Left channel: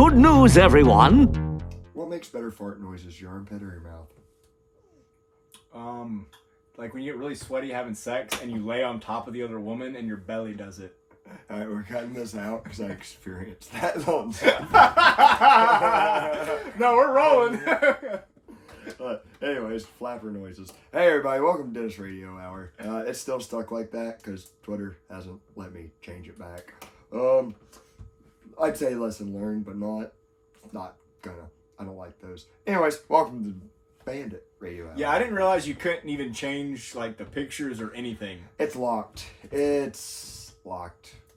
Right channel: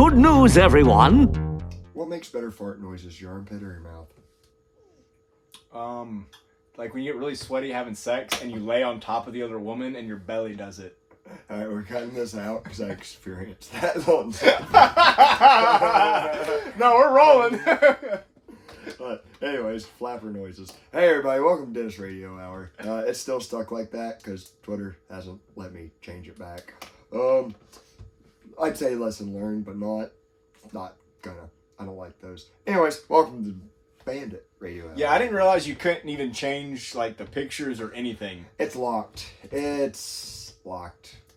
Good news, everyone. What makes better fart noises, your armpit or your mouth? Like when you get really sweaty having sex and you lay on top of the other woman and your belly does it. All right, we're cutting this out because I experienced that on No, we're rolling. But anyways, flapper noises. Hey everybody, welcome to Dennis Radio Hour. It's still stuck like that because Twitter hasn't let me change it back. I'd say lesson learned, but not gonna. I don't like those. Anyways, welcome to Bandit Radio Hour. Yeah, I didn't realize you couldn't even change like the pictures or anything. It's locked.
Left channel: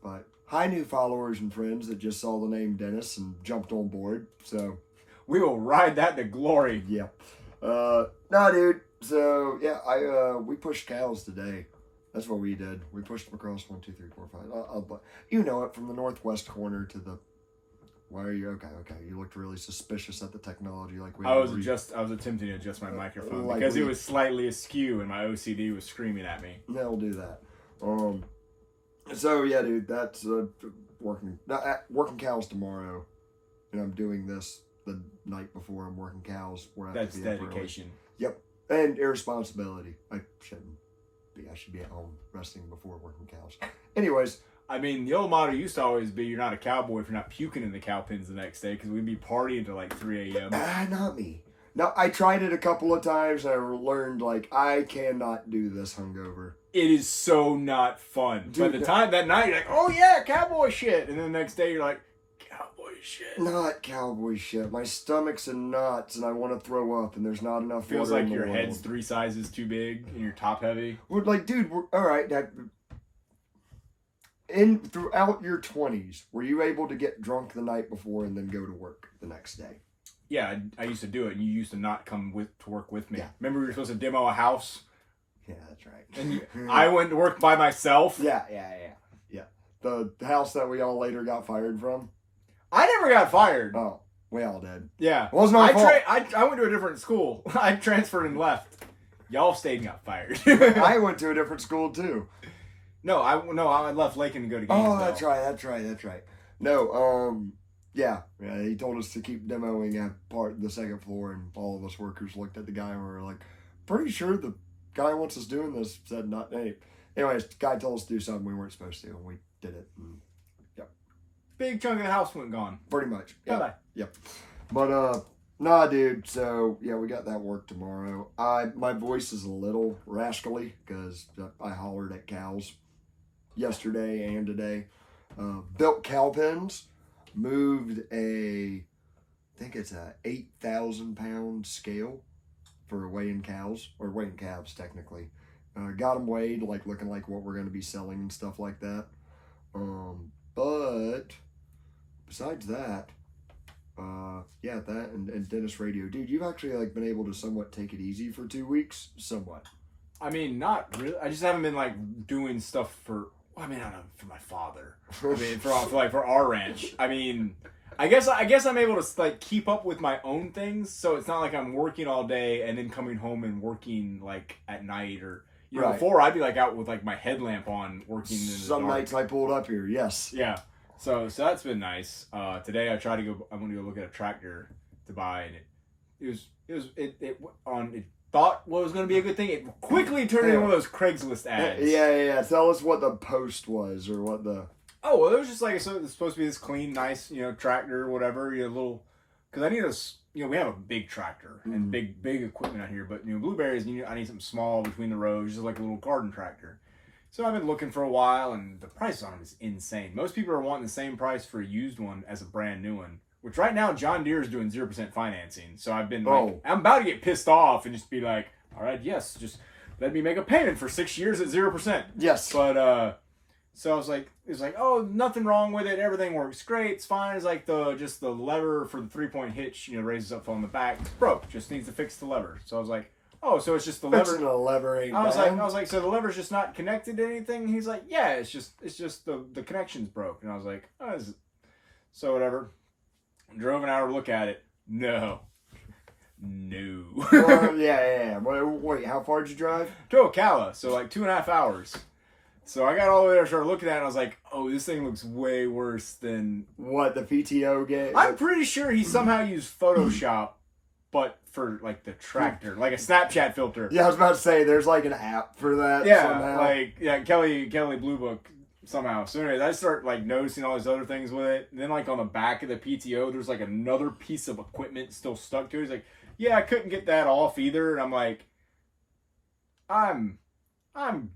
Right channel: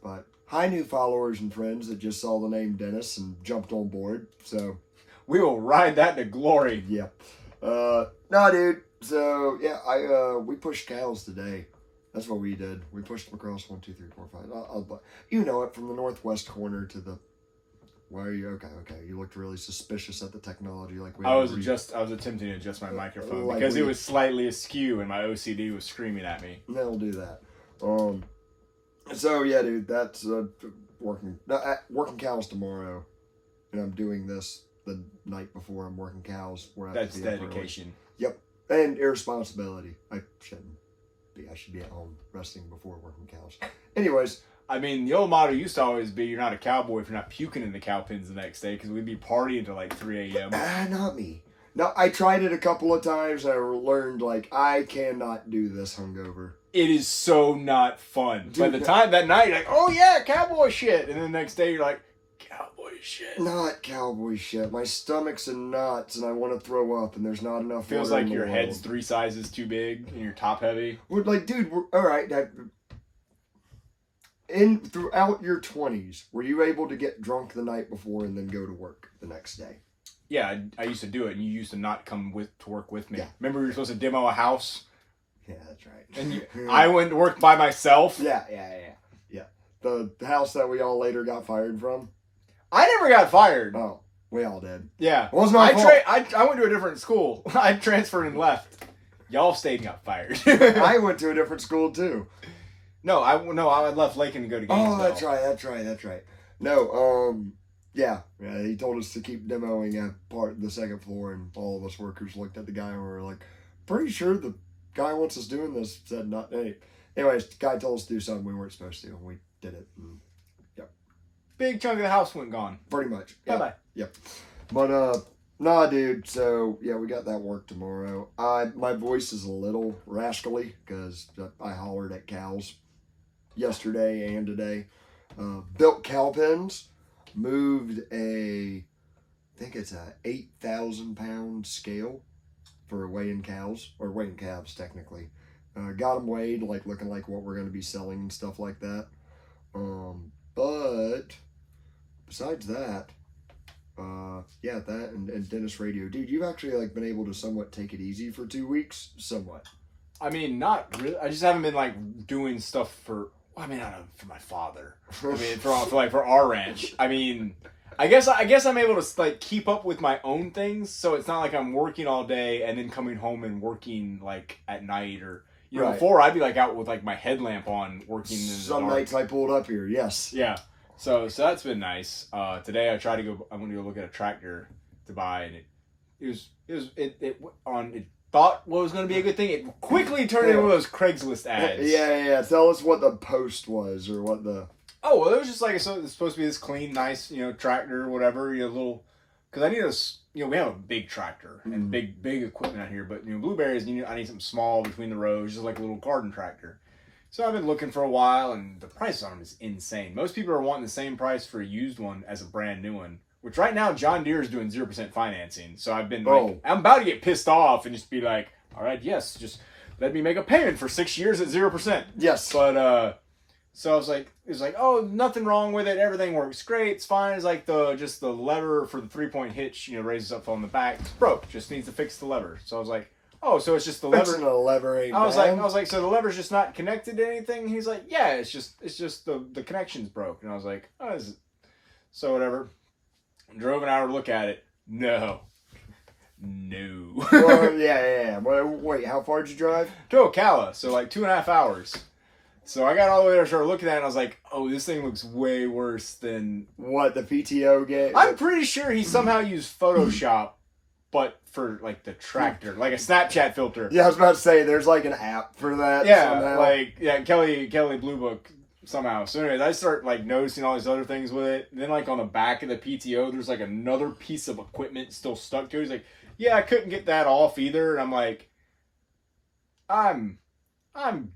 But hi, new followers and friends that just saw the name Dennis and jumped on board. So We will ride that to glory. yeah. No, dude. So yeah, we pushed cows today. That's what we did. We pushed them across 1, 2, 3, 4, 5. You know it, from the northwest corner to the. Why are you okay? You looked really suspicious at the technology, like we. I was attempting to adjust my microphone because it was slightly askew and my OCD was screaming at me. They'll do that. So yeah, dude, that's working cows tomorrow, and I'm doing this the night before I'm working cows. That's dedication. Yep, and irresponsibility. I shouldn't be. I should be at home resting before working cows. Anyways. I mean, the old motto used to always be, you're not a cowboy if you're not puking in the cow pens the next day, because we'd be partying until like 3 a.m. Not me. No, I tried it a couple of times, and I learned, like, I cannot do this hungover. It is so not fun. Dude, by the time that night, you're like, oh yeah, cowboy shit. And then the next day, you're like, cowboy shit. Not cowboy shit. My stomach's in knots, and I want to throw up, and there's not enough Feels water like in the your world. head's 3 sizes too big, and you're top heavy. We're like, dude, all right, throughout your 20s, were you able to get drunk the night before and then go to work the next day? Yeah, I used to do it, and you used to not come to work with me. Yeah. Remember we were supposed to demo a house? Yeah, that's right. And I went to work by myself? Yeah. The house that we all later got fired from? I never got fired. Oh, we all did. Yeah. It wasn't my fault. I went to a different school. I transferred and left. Y'all stayed and got fired. I went to a different school, too. No, I left Lakin to go to Gainesville. Oh, that's right. No, yeah, he told us to keep demoing at the second floor, and all of us workers looked at the guy and we were like, pretty sure the guy wants us doing this, said not, hey. Anyways, the guy told us to do something we weren't supposed to, and we did it, and yep. Big chunk of the house went gone. Pretty much. Yeah. Bye-bye. Yep. But, nah, dude, so, yeah, we got that work tomorrow. My voice is a little rascally, because I hollered at cows yesterday and today. Built cow pens, moved I think it's a 8,000 pound scale for weighing cows, or weighing calves technically. Got them weighed, like looking like what we're going to be selling and stuff like that. But besides that, yeah, that and Dennis Radio. Dude, you've actually like been able to somewhat take it easy for 2 weeks? Somewhat. I mean, not really. I just haven't been like doing stuff for I don't know, for my father. I mean, for our ranch. I mean, I guess I'm able to like keep up with my own things, so it's not like I'm working all day and then coming home and working like at night or Right. Before I'd be like out with like my headlamp on working. Some nights I pulled up here, yes. Yeah, so that's been nice. Today I tried to go. I'm gonna go look at a tractor to buy, and it thought what was going to be a good thing. It quickly turned into one of those Craigslist ads. Yeah. Tell us what the post was, or what the... Oh, well, it was just like, so it's supposed to be this clean, nice, tractor, whatever, little... Because I need this, we have a big tractor and big equipment out here, but, blueberries, I need something small between the rows, just like a little garden tractor. So I've been looking for a while, and the price on them is insane. Most people are wanting the same price for a used one as a brand new one. Which right now, John Deere is doing 0% financing. So I've been I'm about to get pissed off and just be like, all right, yes, just let me make a payment for 6 years at 0%. Yes. But, so I was like, oh, nothing wrong with it. Everything works great. It's fine. It's like the lever for the 3-point hitch, raises up on the back. It's broke. Just needs to fix the lever. So I was like, oh, so it's just the lever. Fixing a lever ain't I was bad. like, so the lever's just not connected to anything? He's like, yeah, it's just the connection's broke. And I was like, oh, is it? So whatever. Drove an hour to look at it. No. Well, yeah. Wait, how far did you drive? To Ocala, so like 2.5 hours. So I got all the way there, started looking at it, and I was like, oh, this thing looks way worse than... What, the PTO game? I'm pretty sure he somehow used Photoshop, but for, like, the tractor, like a Snapchat filter. Yeah, I was about to say, there's, like, an app for that somehow. Kelly Blue Book somehow. So anyways, I start, like, noticing all these other things with it. And then, like, on the back of the PTO, there's, like, another piece of equipment still stuck to it. He's like, yeah, I couldn't get that off either. And I'm like, I'm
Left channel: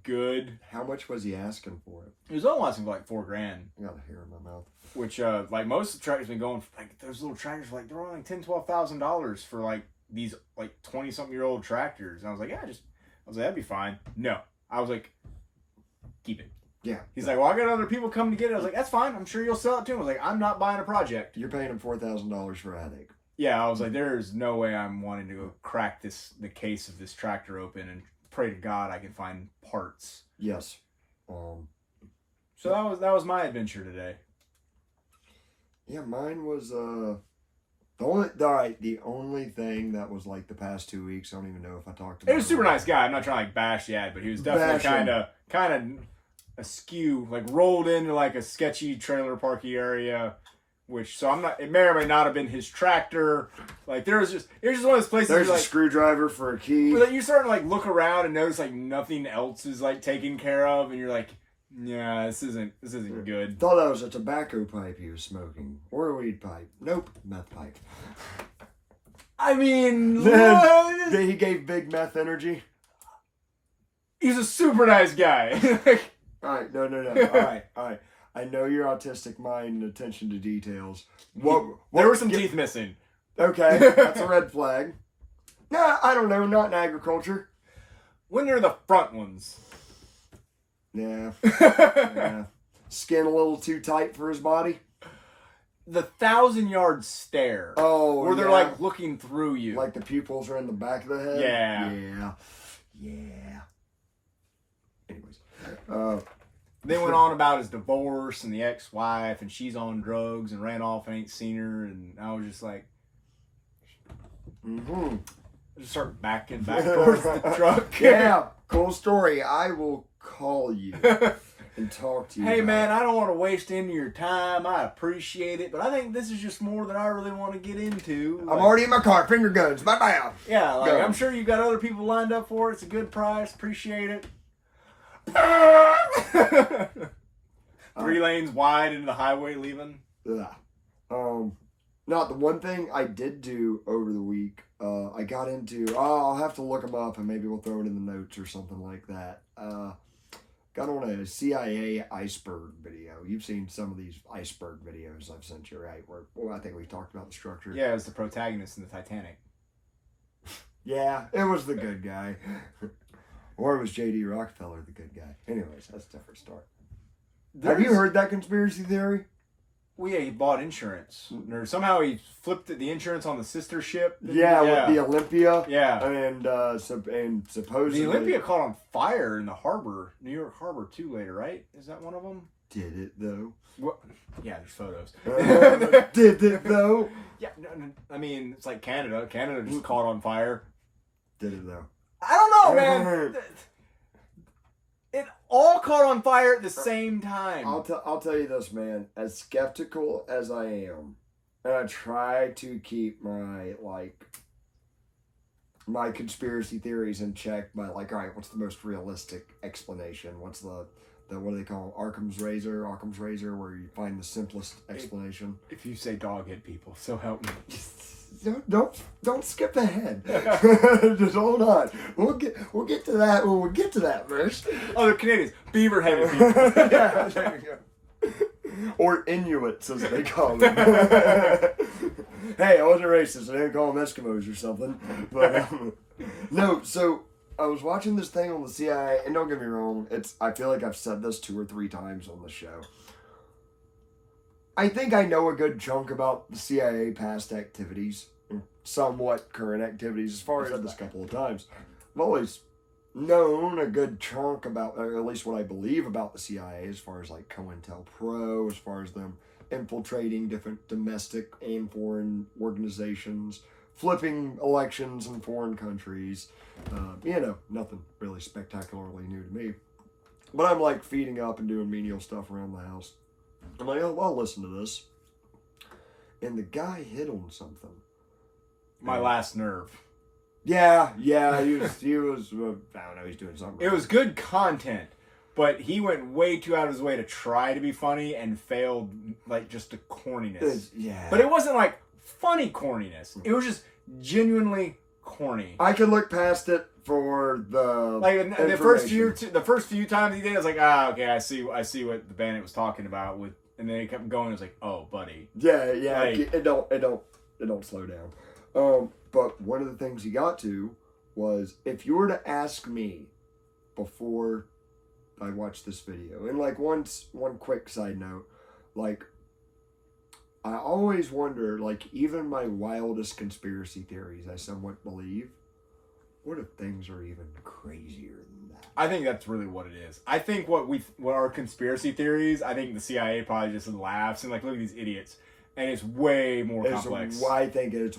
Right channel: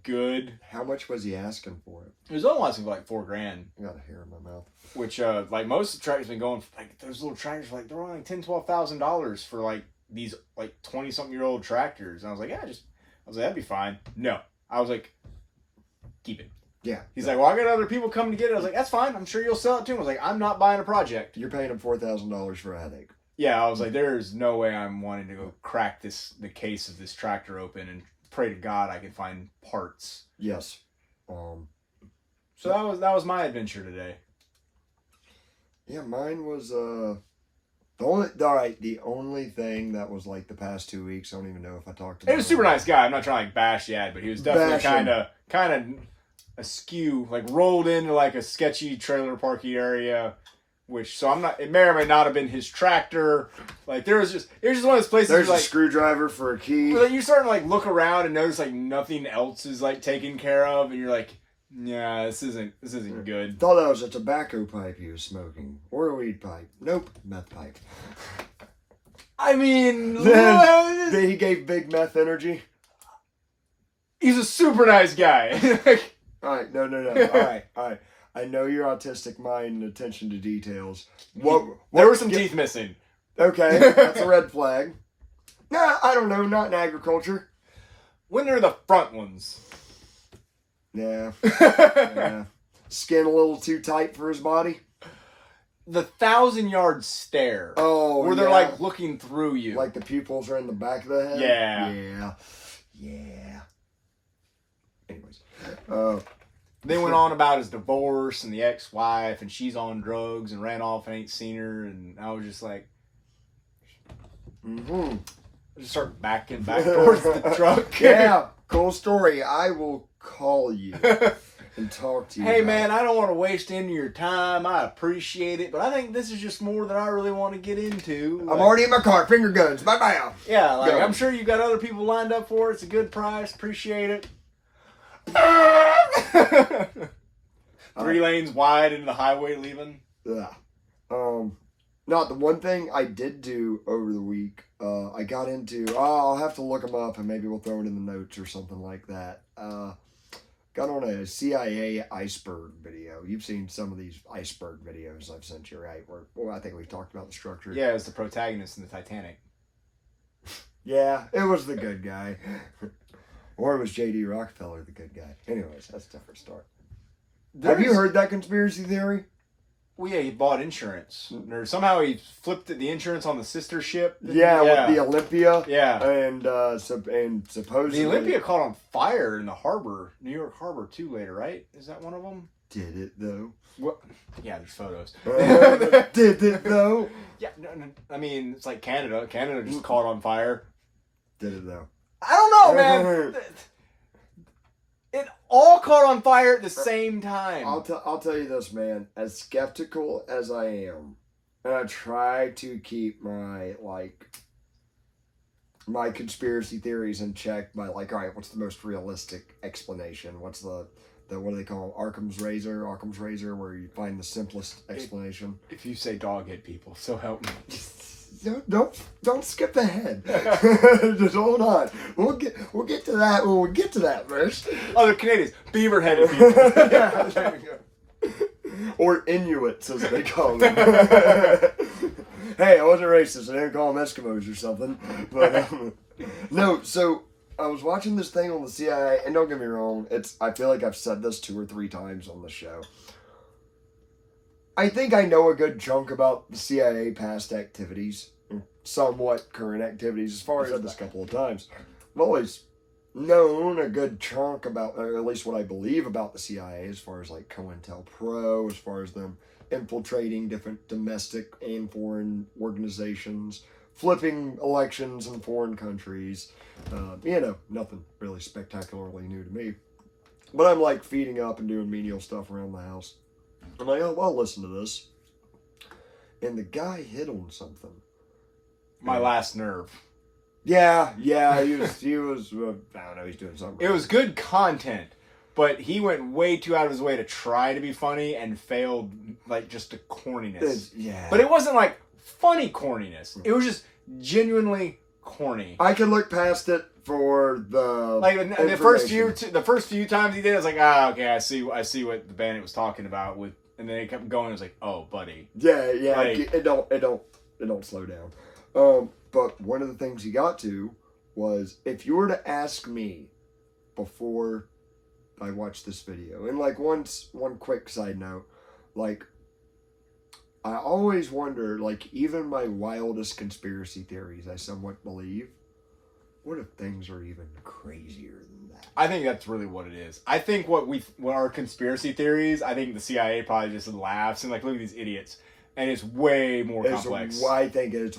good. How much was he asking for it? It was only asking for like $4,000. I got a hair in my mouth. Which, like, most of the tractors been going for, like, those little tractors, like, they're only like $10,000-$12,000 for, like, these, like, 20-something-year-old tractors. And I was like, that'd be fine. No. I was like, keep it. Yeah. He's like, well, I got other people coming to get it. I was like, that's fine. I'm sure you'll sell it to him. I was like, I'm not buying a project. You're paying him $4,000 for a headache. Yeah, I was like, there's no way I'm wanting to go crack the case of this tractor open and pray to God I can find parts. Yes. So that was my adventure today. Yeah, mine was the only thing that was like the past 2 weeks. I don't even know if I talked about it. He was a super nice guy. I'm not trying to like bash Yad, but he was definitely kind of askew, like rolled into like a sketchy trailer parky area. So I'm not. It may or may not have been his tractor. Like it was just one of those places. There's like, a screwdriver for a key. But you're starting to like look around and notice like nothing else is like taken care of, and you're like, yeah, this isn't good. Thought that was a tobacco pipe he was smoking, or a weed pipe. Nope, meth pipe. I mean, he gave big meth energy. He's a super nice guy. All right, no. All right. I know your autistic mind and attention to details. What there were some teeth missing. Okay, that's a red flag. Nah, I don't know. Not in agriculture. When they're the front ones. Yeah. Yeah. Skin a little too tight for his body. The 1,000-yard stare. Oh, where they're like looking through you. Like the pupils are in the back of the head? Yeah. Anyways. They went on about his divorce and the ex-wife, and she's on drugs and ran off and ain't seen her, and I was just like, I just start backing back towards the truck. Yeah, cool story. I will call you and talk to you. Hey man, I don't want to waste any of your time. I appreciate it, but I think this is just more than I really want to get into. I'm already in my car. Finger guns. Bye-bye. Yeah, like I'm sure you got other people lined up for it. It's a good price. Appreciate it. 3 lanes wide into the highway leaving. Yeah. Not the one thing I did do over the week. I got into. I'll have to look them up and maybe we'll throw it in the notes or something like that. Got on a CIA Iceberg video. You've seen some of these Iceberg videos I've sent you, right? Where I think we talked about the structure. Yeah, it's the protagonist in the Titanic. Yeah, it was the good guy. Or it was J.D. Rockefeller, the good guy. Anyways, that's a different story. Have you heard that conspiracy theory? Well, yeah, he bought insurance. Or somehow he flipped the insurance on the sister ship. Yeah, with the Olympia. Yeah. And supposedly... The Olympia caught on fire in the harbor, New York Harbor, too, later, right? Is that one of them? Did it, though? What? Yeah, there's photos. Did it, though? Yeah, no, I mean, it's like Canada. Canada just caught on fire. Did it, though? I don't know, man. It all caught on fire at the same time. I'll tell you this, man. As skeptical as I am, and I try to keep my conspiracy theories in check by all right, what's the most realistic explanation? What's the what do they call it? Occam's razor, where you find the simplest explanation. If you say dog hit people, so help me. Don't skip ahead. Just hold on. We'll get to that when we get to that verse. Oh, the Canadians, beaver-headed people. Yeah, there you go. Or Inuits, as they call them. Hey, I wasn't racist. I didn't call them Eskimos or something. But no. So I was watching this thing on the CIA, and don't get me wrong. I feel like I've said this 2 or 3 times on the show. I think I know a good chunk about the CIA past activities, somewhat current activities, as far as I've said this a couple of times. I've always known a good chunk about, or at least what I believe about the CIA, as far as like COINTELPRO, as far as them infiltrating different domestic and foreign organizations, flipping elections in foreign countries. Nothing really spectacularly new to me. But I'm like feeding up and doing menial stuff around the house. I'm like, oh, well, I'll listen to this. And the guy hit on something. My last nerve. Yeah, he was, I don't know, he's doing something. It was good content, but he went way too out of his way to try to be funny and failed, like, just to corniness. Yeah. But it wasn't, like, funny corniness. It was just genuinely corny. I could look past it for the the first few times he did it, I was like, okay, I see what the Bandit was talking about with, and then it kept going. It was like, oh, buddy. Yeah, like, it don't slow down. But one of the things he got to was, if you were to ask me before I watched this video, and like one quick side note, like, I always wonder, like, even my wildest conspiracy theories I somewhat believe, what if things are even crazier than that? I think that's really what it is. I think what our conspiracy theories, I think the CIA probably just laughs and like, look at these idiots. And it's way more complex. I think it's.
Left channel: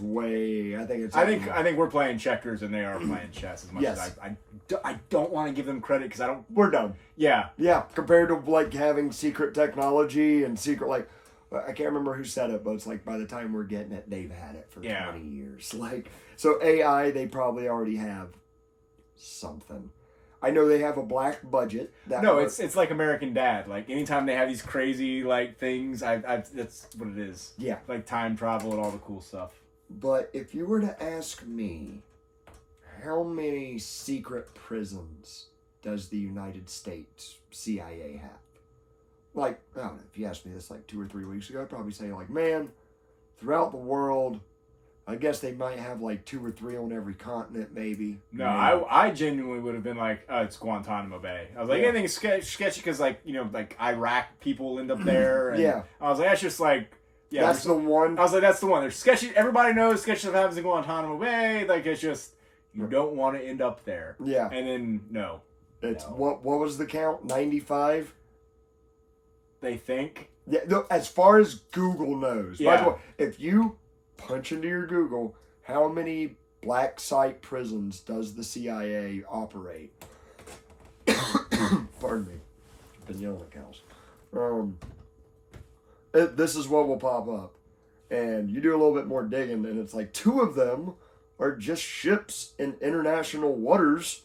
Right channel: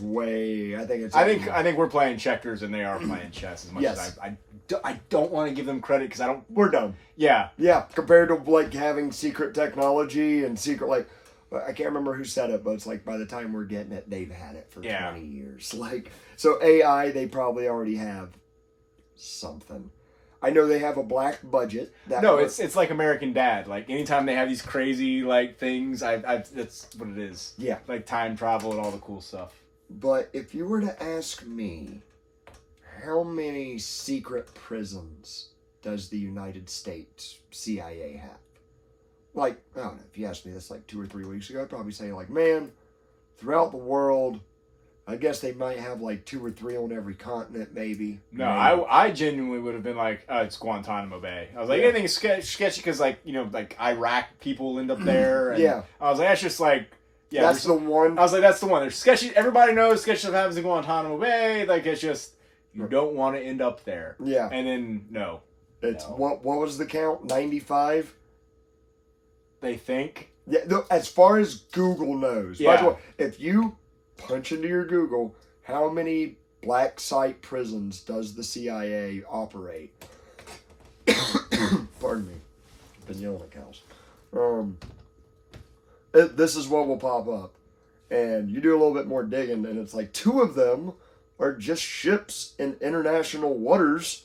I think we're playing checkers and they are playing chess as much as I don't want to give them credit because I don't. We're dumb. Yeah. Yeah. Compared to like having secret technology and secret, like, I can't remember who said it, but it's like by the time we're getting it, they've had it for 20 years. Like, so AI, they probably already have something. I know they have a black budget. It's like American Dad. Like, anytime they have these crazy, like, things, that's what it is. Yeah. Like, time travel and all the cool stuff. But if you were to ask me, how many secret prisons does the United States CIA have? Like, I don't know, if you asked me this like 2 or 3 weeks ago, I'd probably say, like, man, throughout the world, I guess they might have like 2 or 3 on every continent, maybe. No, I genuinely would have been like, it's Guantanamo Bay. I was like, anything is sketchy because, like, you know, like Iraq people end up there. And yeah. I was like, that's just like, yeah. That's the one. I was like, that's the one. There's sketchy. Everybody knows sketchy stuff happens in Guantanamo Bay. Like, it's just, you don't want to end up there. Yeah. And then, no. It's, what was the count? 95? They think. Yeah, as far as Google knows. Yeah. By the way, if you punch into your Google, how many black site prisons does the CIA operate? Pardon me. I've been yelling at cows. This is what will pop up. And you do a little bit more digging, and it's like 2 of them are just ships in international waters.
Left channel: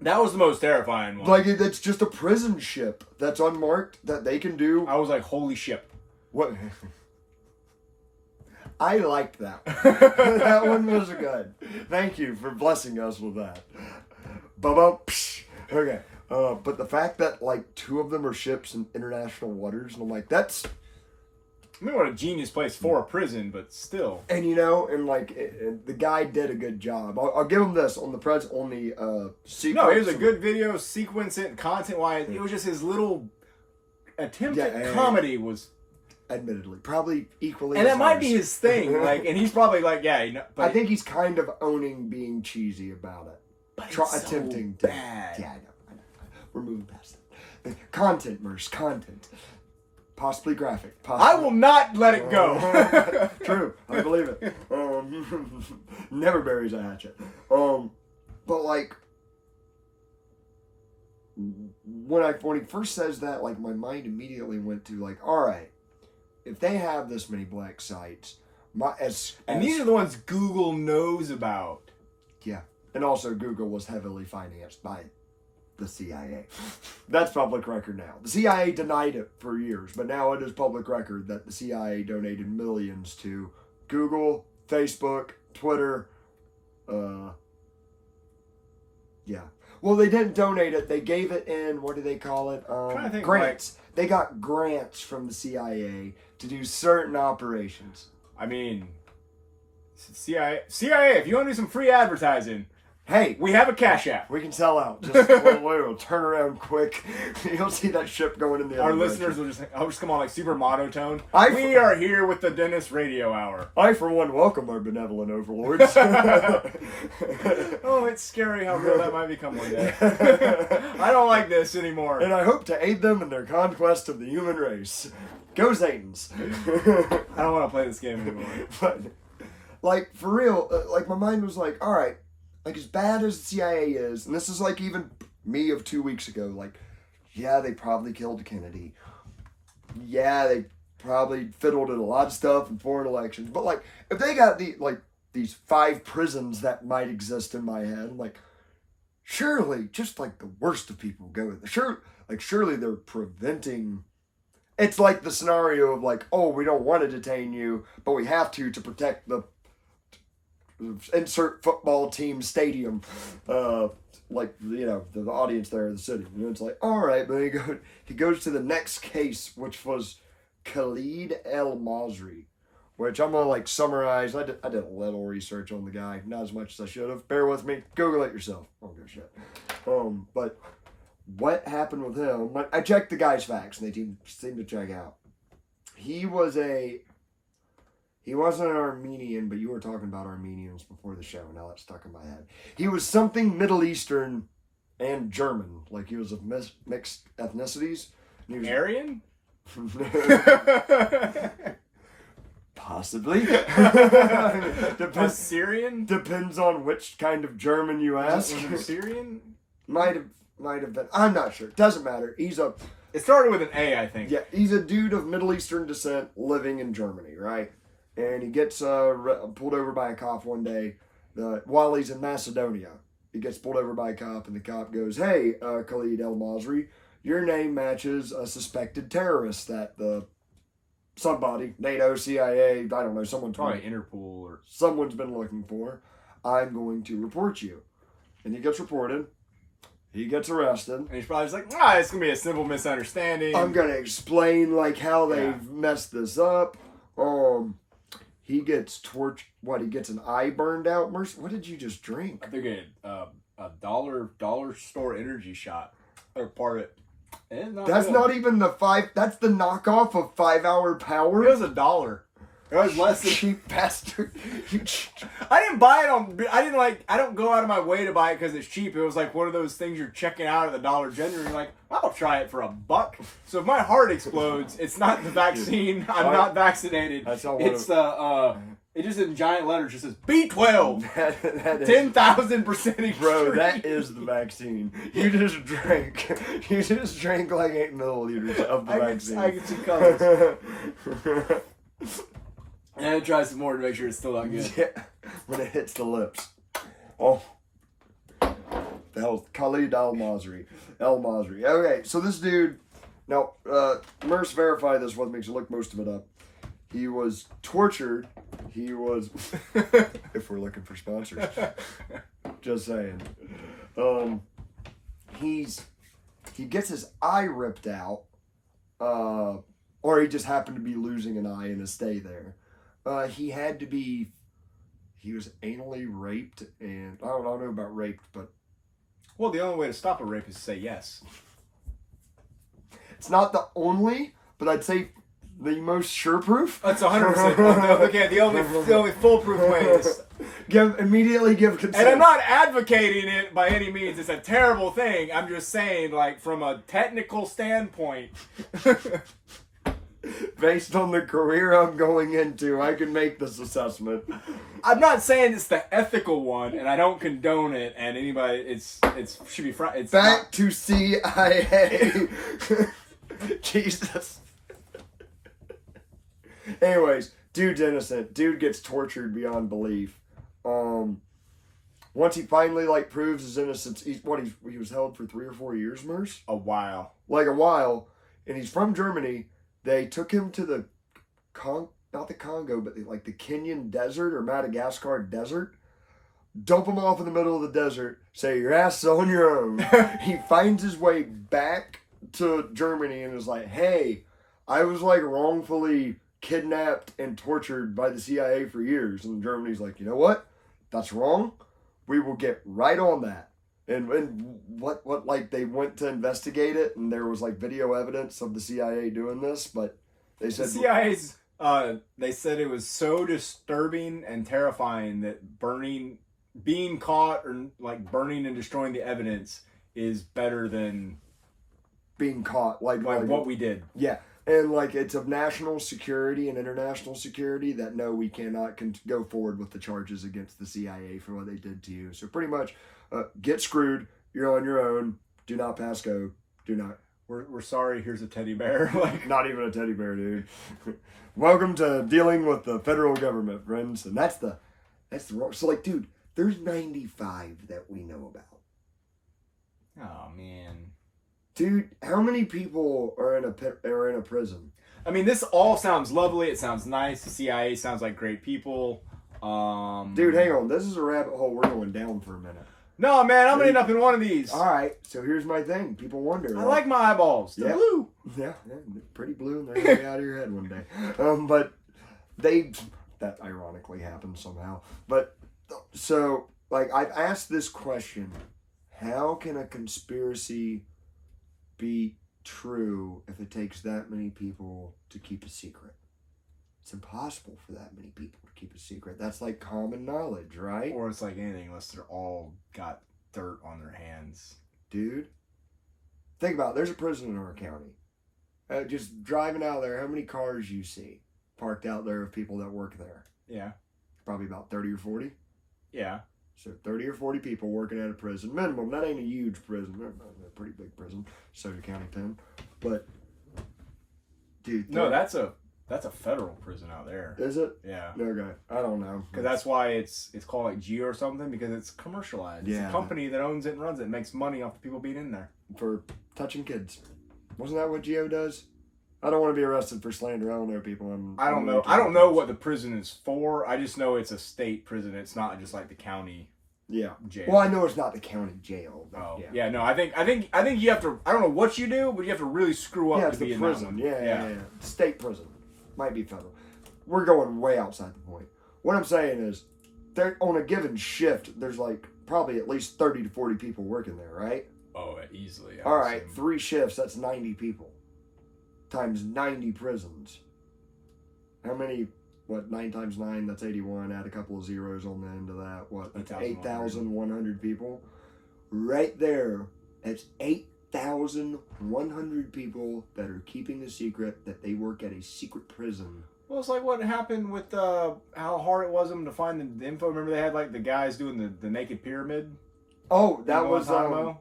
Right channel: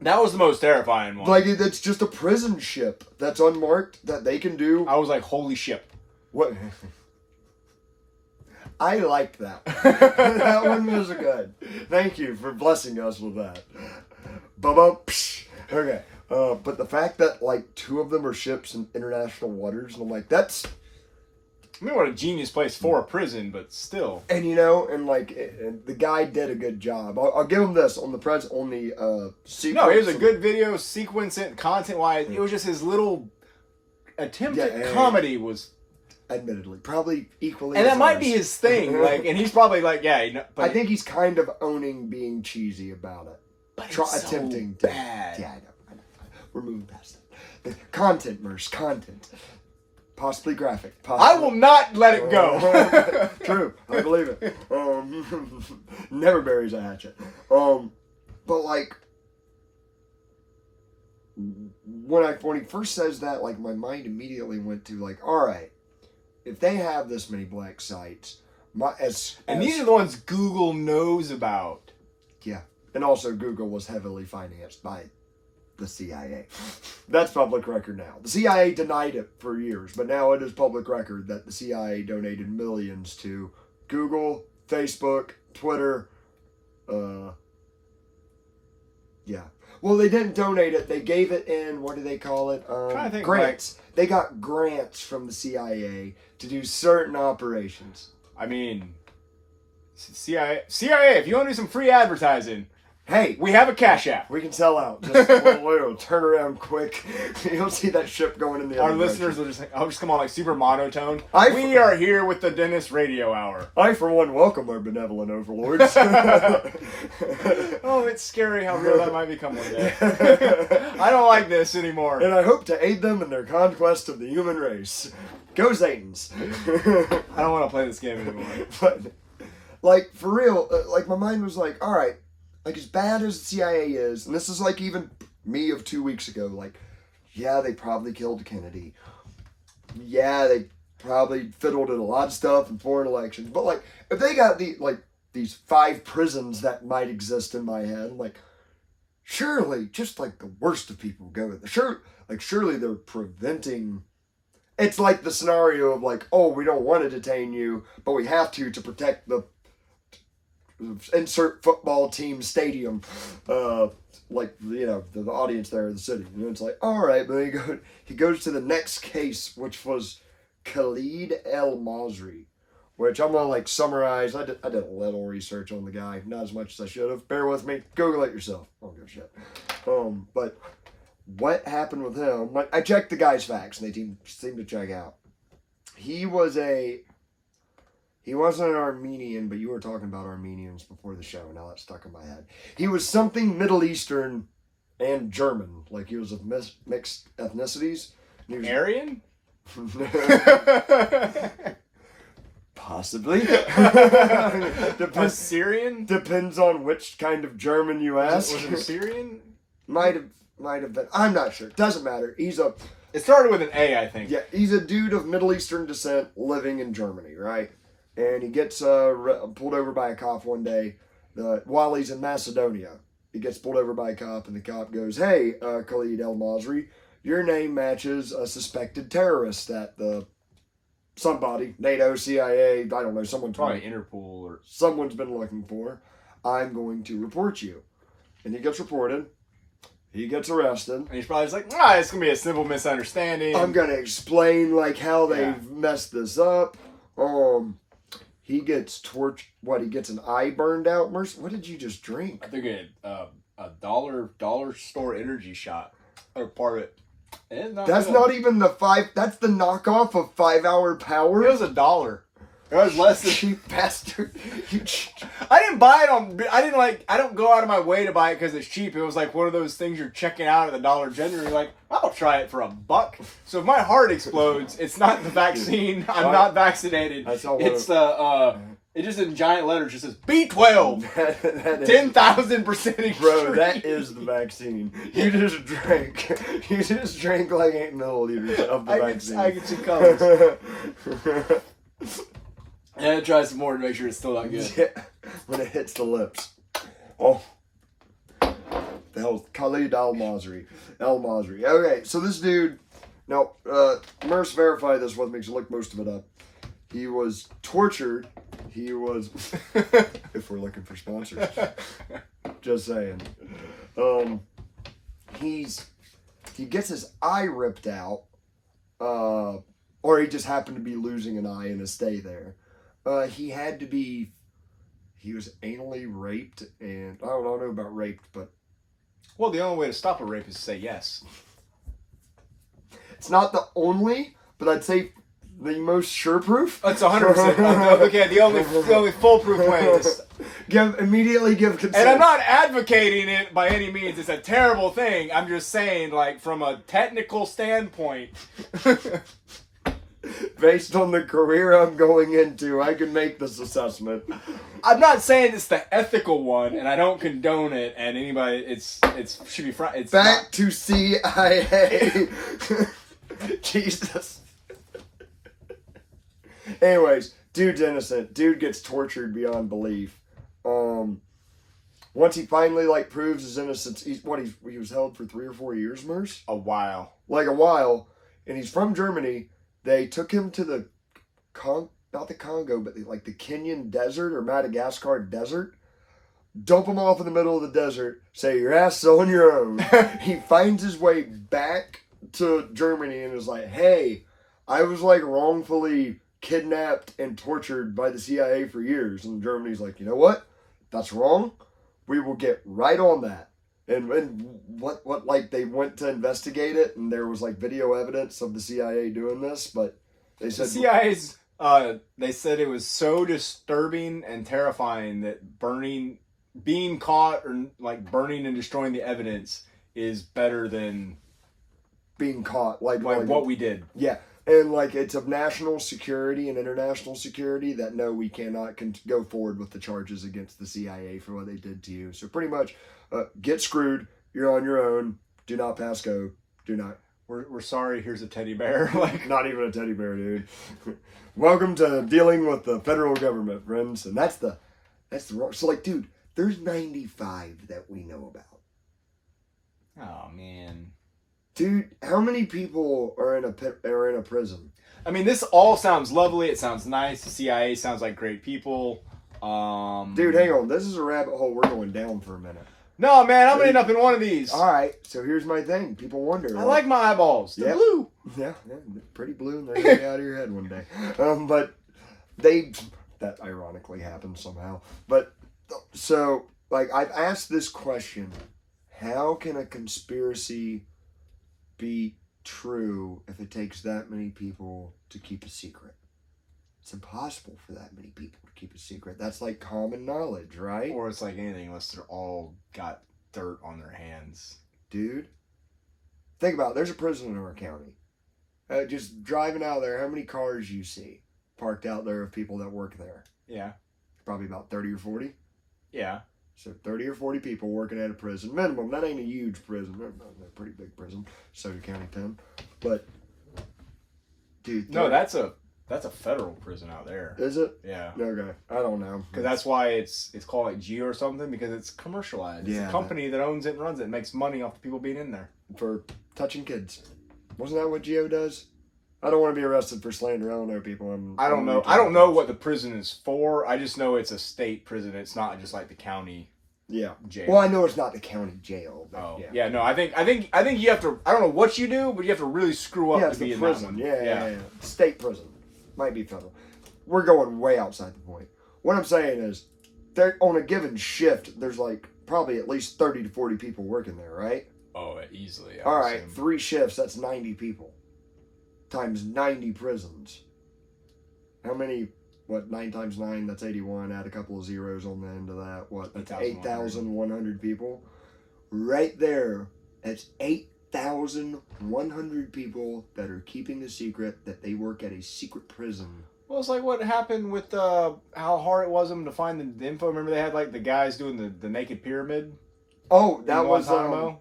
That was the most terrifying one. Like, it's just a prison ship that's unmarked that they can do. I was like, holy shit. What? I liked that. That one was good. Thank you for blessing us with that. Okay. But the fact that, like, 2 of them are ships in international waters, and I'm like, that's... I mean, what a genius place for a prison, but still. And, you know, and, like, the guy did a good job. I'll give him this on the sequence. No, it was a good video, sequence it, content-wise. It was just his little attempt at comedy was... Admittedly, probably equally. And that might be his thing. Like, and he's probably like, yeah. You know, but I think he's kind of owning being cheesy about it. But it's attempting so to. bad. Yeah, I know. We're moving past it. Content, Merce, content. Possibly graphic. Possibly. I will not let it go. True, I believe it. Never buries a hatchet. But like, when he first says that, like, my mind immediately went to like, all right. If they have this many black sites, and these are the ones Google knows about. Yeah, and also Google was heavily financed by the CIA. That's public record now. The CIA denied it for years, but now it is public record that the CIA donated millions to Google, Facebook, Twitter. Yeah. Well, they didn't donate it. They gave it in, what do they call it? Grants. They got grants from the CIA to do certain operations. I mean, CIA, if you want to do some free advertising, hey, we have a Cash App. We can sell out. Just we'll turn around quick. You'll see that ship going in the other Our listeners direction. will just come on like super monotone. We are here with the Dennis Radio Hour. I, for one, welcome our benevolent overlords. Oh, it's scary how real that might become one day. I don't like this anymore. And I hope to aid them in their conquest of the human race. Go Satans. I don't want to play this game anymore. But, like, for real, like, my mind was like, all right, like, as bad as the CIA is, and this is, like, even me of 2 weeks ago, like, yeah, they probably killed Kennedy. Yeah, they probably fiddled in a lot of stuff in foreign elections. But, like, if they got these 5 prisons that might exist in my head, like, surely, just like the worst of people go there. Surely they're preventing. It's like the scenario of like, oh, we don't want to detain you, but we have to protect the insert football team stadium, like, you know, the audience there in the city. And it's like, all right, but he goes to the next case, which was Khalid El Masri, which I'm gonna like summarize. I did a little research on the guy, not as much as I should have. Bear with me. Google it yourself. I don't give a shit. But what happened with him? I checked the guy's facts, and they seem to check out. He wasn't an Armenian, but you were talking about Armenians before the show. Now that's stuck in my head. He was something Middle Eastern and German. Like, he was of mixed ethnicities. And he was Aryan? Possibly. Depends. Syrian? Depends on which kind of German you ask. Was it Syrian? Might have been. I'm not sure. Doesn't matter. It started with an A, I think. Yeah, he's a dude of Middle Eastern descent living in Germany, right? And he gets pulled over by a cop one day while he's in Macedonia. He gets pulled over by a cop, and the cop goes, "Hey, Khalid El Masri, your name matches a suspected terrorist that somebody, NATO, CIA, I don't know, someone probably Interpol or someone's been looking for. I'm going to report you." And he gets reported. He gets arrested. And he's probably just like, it's going to be a simple misunderstanding. I'm going to explain, like, how they've messed this up. He gets torched. What, he gets an eye burned out? What did you just drink? I think a dollar store energy shot. Or part of it. That's good. Not even that's the knockoff of 5 Hour Power. It was $1. It was less than cheap bastard. I didn't buy it I don't go out of my way to buy it because it's cheap. It was like one of those things you're checking out at the Dollar General. You're like, I'll try it for $1. So if my heart explodes, it's not the vaccine. I'm not vaccinated. It's it just in giant letters just says B12. that 10,000% Bro, that is the vaccine. You just drank like 8 milliliters of the vaccine. I get some colors. And try some more to make sure it's still not good. Yeah, when it hits the lips. Oh. That was Khalid El Masri. Okay, so this dude, now, Merce verified this with me, so look most of it up. He was tortured. He was, if we're looking for sponsors, just saying. He gets his eye ripped out, or he just happened to be losing an eye in his stay there. He was anally raped, and I don't know about raped, but... Well, the only way to stop a rape is to say yes. It's not the only, but I'd say the most sure proof. That's 100%. Okay, the only foolproof way is... Immediately give consent. And I'm not advocating it by any means. It's a terrible thing. I'm just saying, like, from a technical standpoint... Based on the career I'm going into, I can make this assessment. I'm not saying it's the ethical one, and I don't condone it. And anybody, it's should be it's back not. To CIA. Jesus. Anyways, dude's innocent. Dude gets tortured beyond belief. Once he finally proves his innocence, he was held for 3 or 4 years, Merce? A while, and he's from Germany. They took him to the not the Congo, but the Kenyan desert or Madagascar desert. Dump him off in the middle of the desert. Say, your ass is on your own. He finds his way back to Germany and is like, hey, I was wrongfully kidnapped and tortured by the CIA for years. And Germany's like, you know what? That's wrong. We will get right on that. And what they went to investigate it, and there was video evidence of the CIA doing this, but they said the CIA's they said it was so disturbing and terrifying that being caught or burning and destroying the evidence is better than being caught, like what we did. Yeah, and it's of national security and international security that no, we cannot go forward with the charges against the CIA for what they did to you. So pretty much. Get screwed. You're on your own. Do not pass go. Do not. We're sorry. Here's a teddy bear. Like, Not even a teddy bear, dude. Welcome to dealing with the federal government, friends. And that's the wrong. So, like, dude, there's 95 that we know about. oh man. Dude, how many people are in a prison? I mean, this all sounds lovely. It sounds nice. The CIA sounds like great people. Dude, hang on. This is a rabbit hole we're going down for a minute. No, man, I'm gonna end up in one of these. All right, so here's my thing. People wonder. I like my eyeballs. They're Yep. blue. Yeah, they're pretty blue, and they're gonna be out of your head one day. But that ironically happened somehow. But so, like, I've asked this question: how can a conspiracy be true if it takes that many people to keep a secret? It's impossible for that many people to keep a secret. That's like common knowledge, right? Or it's like anything, unless they're all got dirt on their hands. Dude, think about it. There's a prison in our county. Just driving out there, how many cars you see parked out there of people that work there? Yeah. Probably about 30 or 40. Yeah. So 30 or 40 people working at a prison. Minimum. That ain't a huge prison. They're a pretty big prison. Soda County Pen. But, dude. No, that's a federal prison out there. Is it? Yeah. Okay. I don't know. Because that's why it's called like Geo or something, because it's commercialized. Yeah. It's a company that owns it and runs it and makes money off the people being in there. For touching kids. Wasn't that what Geo does? I don't want to be arrested for slander. I don't know people. I don't know. I don't know what the prison is for. I just know it's a state prison. It's not just like the county jail. Well, I know it's not the county jail. But Oh yeah. No. I think you have to. I don't know what you do, but you have to really screw up Yeah, to it's be the in prison. that one. Yeah. State prison. Might be federal. We're going way outside the point. What I'm saying is, there on a given shift, there's like probably at least 30 to 40 people working there, right? Oh, easily. All right, 3 shifts, that's 90 people. Times 90 prisons. How many, 9 times 9, that's 81. Add a couple of zeros on the end of that. What, that's 8,100 people? Right there, that's 8,100 people that are keeping a secret that they work at a secret prison. Well, it's like what happened with how hard it was them to find the info. Remember they had like the guys doing the naked pyramid? Oh, that was... Guantanamo?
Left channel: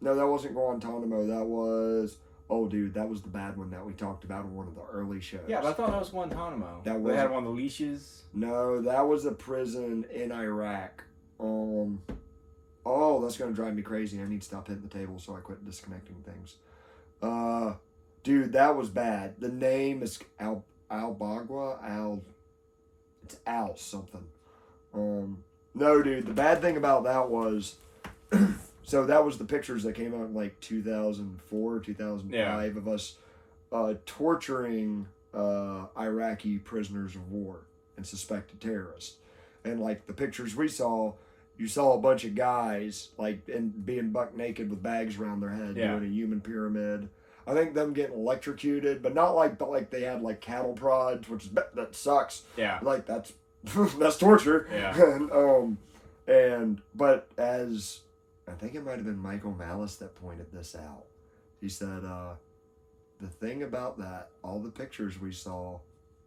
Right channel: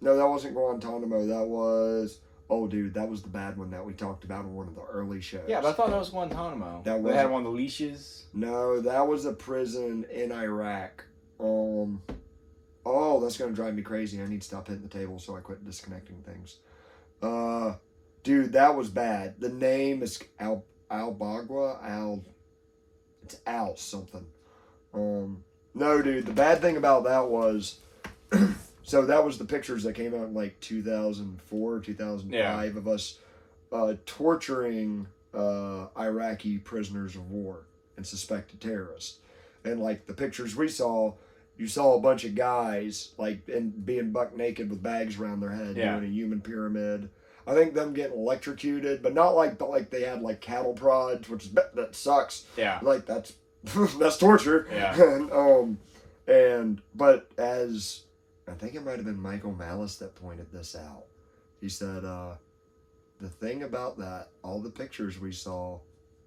No, that wasn't Guantanamo. That was... Oh, dude, that was the bad one that we talked about in one of the early shows. Yeah, but I thought that was Guantanamo. That they had wasn't- one of the leashes. No, that was a prison in Iraq. Oh, that's going to drive me crazy. I need to stop hitting the table so I quit disconnecting things. Dude, that was bad. The name is Al-Bagua. It's Al something. No, dude, the bad thing about that was... So that was the pictures that came out in like 2004, 2005 of us torturing Iraqi prisoners of war and suspected terrorists. And like the pictures we saw, you saw a bunch of guys like being buck naked with bags around their head doing a human pyramid. I think them getting electrocuted, but not like they had like cattle prods, which is that sucks. Yeah, like that's torture. Yeah, but as I think it might have been Michael Malice that pointed this out. He said, the thing about that, all the pictures we saw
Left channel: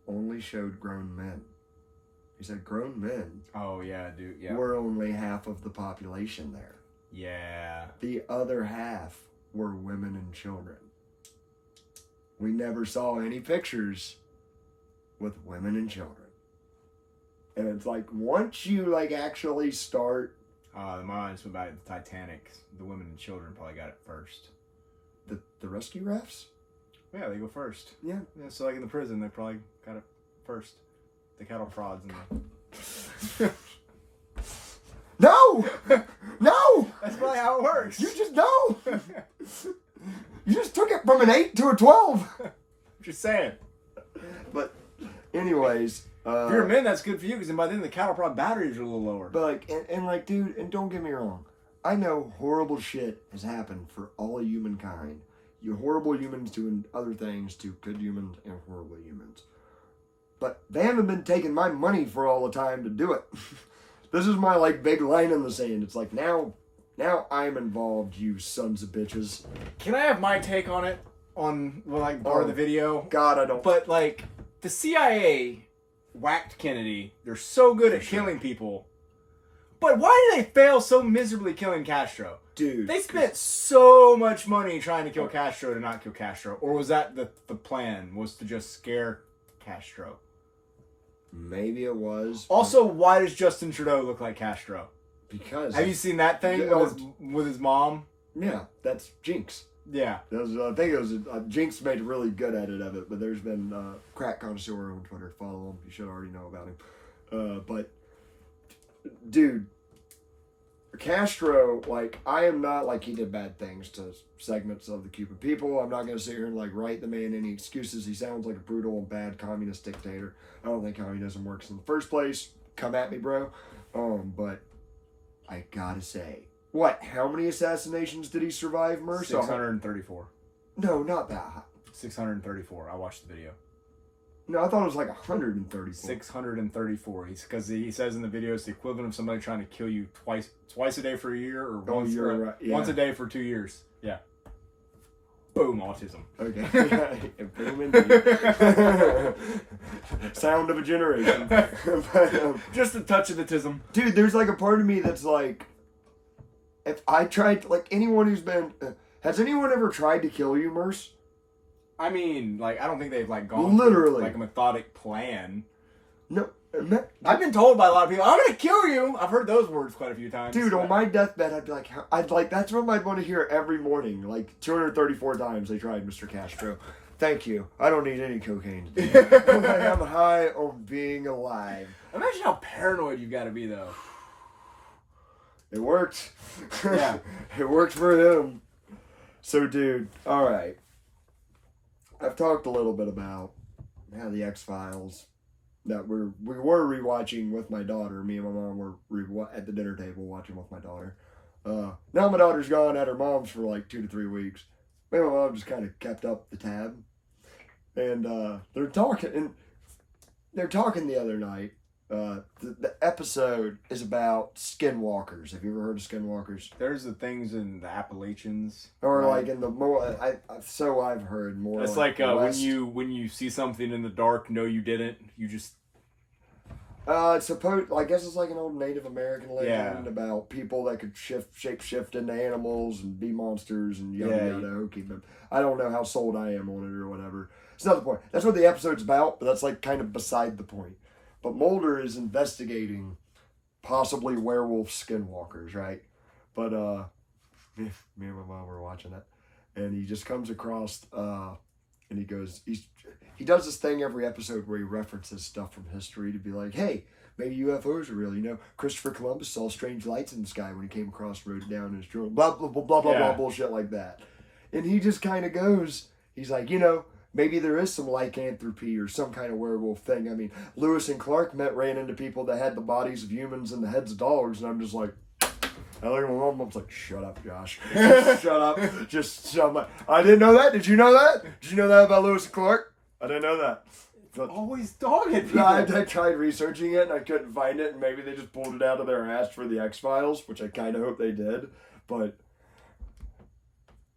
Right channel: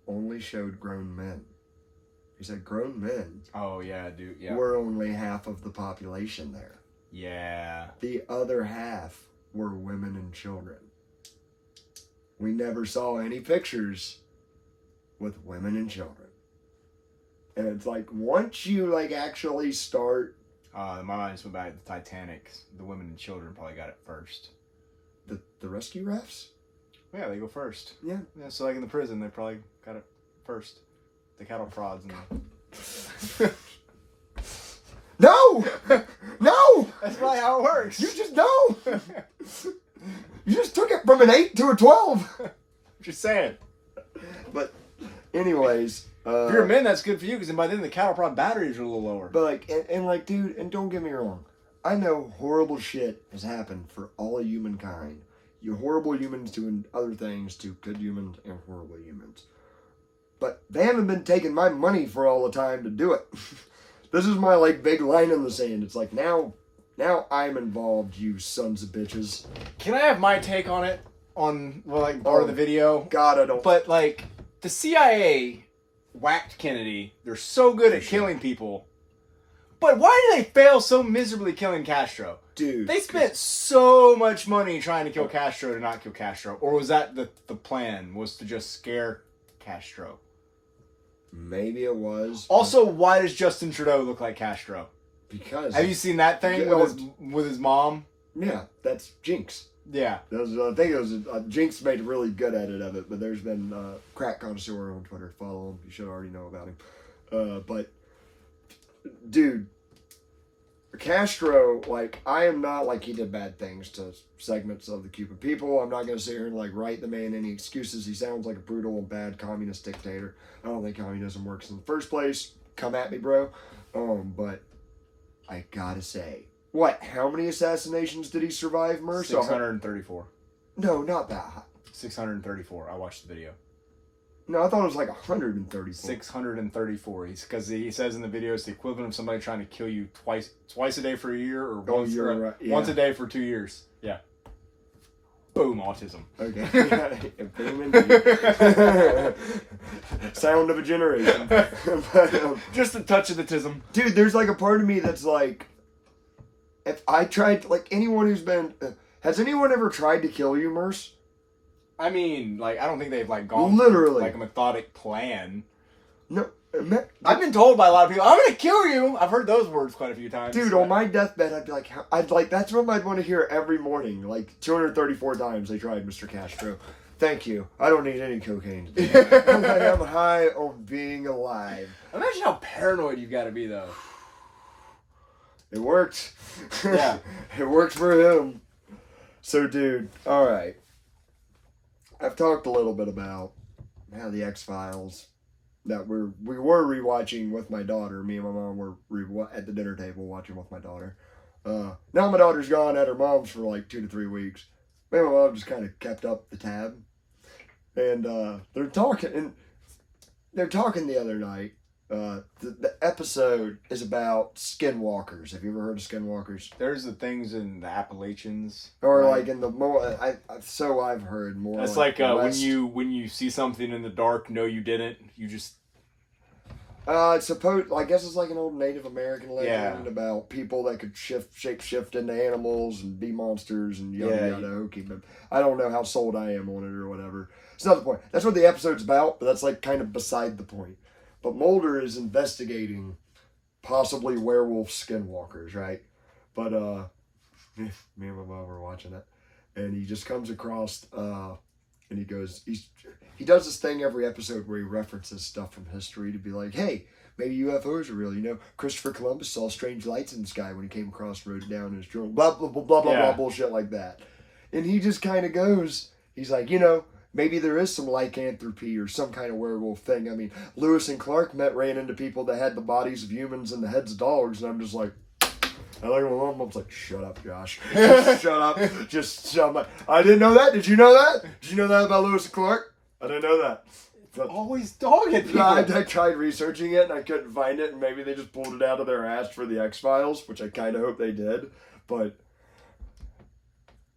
only showed grown men. He said grown men oh yeah, dude. Yeah, were only half of the population there. Yeah. The other half were women and children. We never saw any pictures with women and children. And it's like, once you like actually start... My mind just went back to the Titanic. The women and children probably got it first. The rescue rafts? Yeah, they go first. Yeah. So like in the prison, they probably got it first. The cattle prods and the... No! No! That's probably how it works. You just know! You just took it from an 8 to a 12. Just saying. But anyways... if you're a man, that's good for you, because by then the cattle prod batteries are a little lower. But like, and like, dude, and don't get me wrong, I know horrible shit has happened for all of humankind. You horrible humans doing other things to good humans and horrible humans. But they haven't been taking my money for all the time to do it. This is my like big line in the sand. It's like now I'm involved, you sons of bitches. Can I have my take on it? On part of the video? God, I don't. But like the CIA whacked Kennedy. They're so good at killing people. But why do they fail so miserably killing Castro? dude. They spent so much money trying to kill Castro to not kill Castro. Or was that the plan, was to just scare Castro? Maybe it was. Also, why does Justin Trudeau look like Castro? Because... Have you seen that thing with his mom? Yeah, that's Jinx. Yeah. I think it was... Jinx made really good edit of it, but there's been Crack Connoisseur on Twitter. Follow him. You should already know about him. But, dude... Castro, like, I am not like he did bad things to segments of the Cuban people. I'm not going to sit here and, like, write the man any excuses. He sounds like a brutal and bad communist dictator. I don't think communism works in the first place. Come at me, bro. But I gotta say, how many assassinations did he survive, Merce? 634. No, not that high. 634. I watched the video. No, I thought it was like 134. 634. Because he says in the video it's the equivalent of somebody trying to kill you twice a day for a year, or once a day for 2 years. Yeah. Boom, autism. Okay. Boom indeed. Sound of a generation. But, just a touch of the tism. Dude, there's like a part of me that's like, if I tried, like anyone who's been, has anyone ever tried to kill you, Merce? I mean, like, I don't think they've, like, gone literally through, like, a methodic plan. No. I've been told by a lot of people, I'm going to kill you. I've heard those words quite a few times. Dude, on my deathbed, I'd be like, that's what I'd want to hear every morning. Like, 234 times they tried Mr. Castro. Thank you. I don't need any cocaine today. I'm high on being alive. Imagine how paranoid you've got to be, though. It worked. Yeah. It worked for him. So, dude, all right. I've talked a little bit about how the X-Files that we were rewatching with my daughter. Me and my mom were at the dinner table watching with my daughter. Now my daughter's gone at her mom's for like 2 to 3 weeks. Me and my mom just kind of kept up the tab. And they're talking the other night. The episode is about skinwalkers. Have you ever heard of skinwalkers? There's the things in the Appalachians, or like in the more. I've heard more. It's like when you see something in the dark, no, you didn't. You just. I guess it's like an old Native American legend about people that could shape shift into animals and be monsters and yada yada. Okay, but I don't know how sold I am on it or whatever. It's not the point. That's what the episode's about, but that's like kind of beside the point. But Mulder is investigating possibly werewolf skinwalkers, right? But me and my mom were watching it, and he just comes across and he goes, he does this thing every episode where he references stuff from history to be like, hey, maybe UFOs are real. You know, Christopher Columbus saw strange lights in the sky when he came across, wrote it down in his journal, blah blah blah blah blah blah bullshit like that. And he just kind of goes, he's like, you know, maybe there is some lycanthropy or some kind of werewolf thing. I mean, Lewis and Clark ran into people that had the bodies of humans and the heads of dogs, and I'm just like, I look at my mom, I'm like, shut up, Josh. Just shut up. Just shut up. I didn't know that. Did you know that? Did you know that about Lewis and Clark? I didn't know that. But always dogged people. I tried researching it, and I couldn't find it, and maybe they just pulled it out of their ass for the X-Files, which I kind of hope they did. But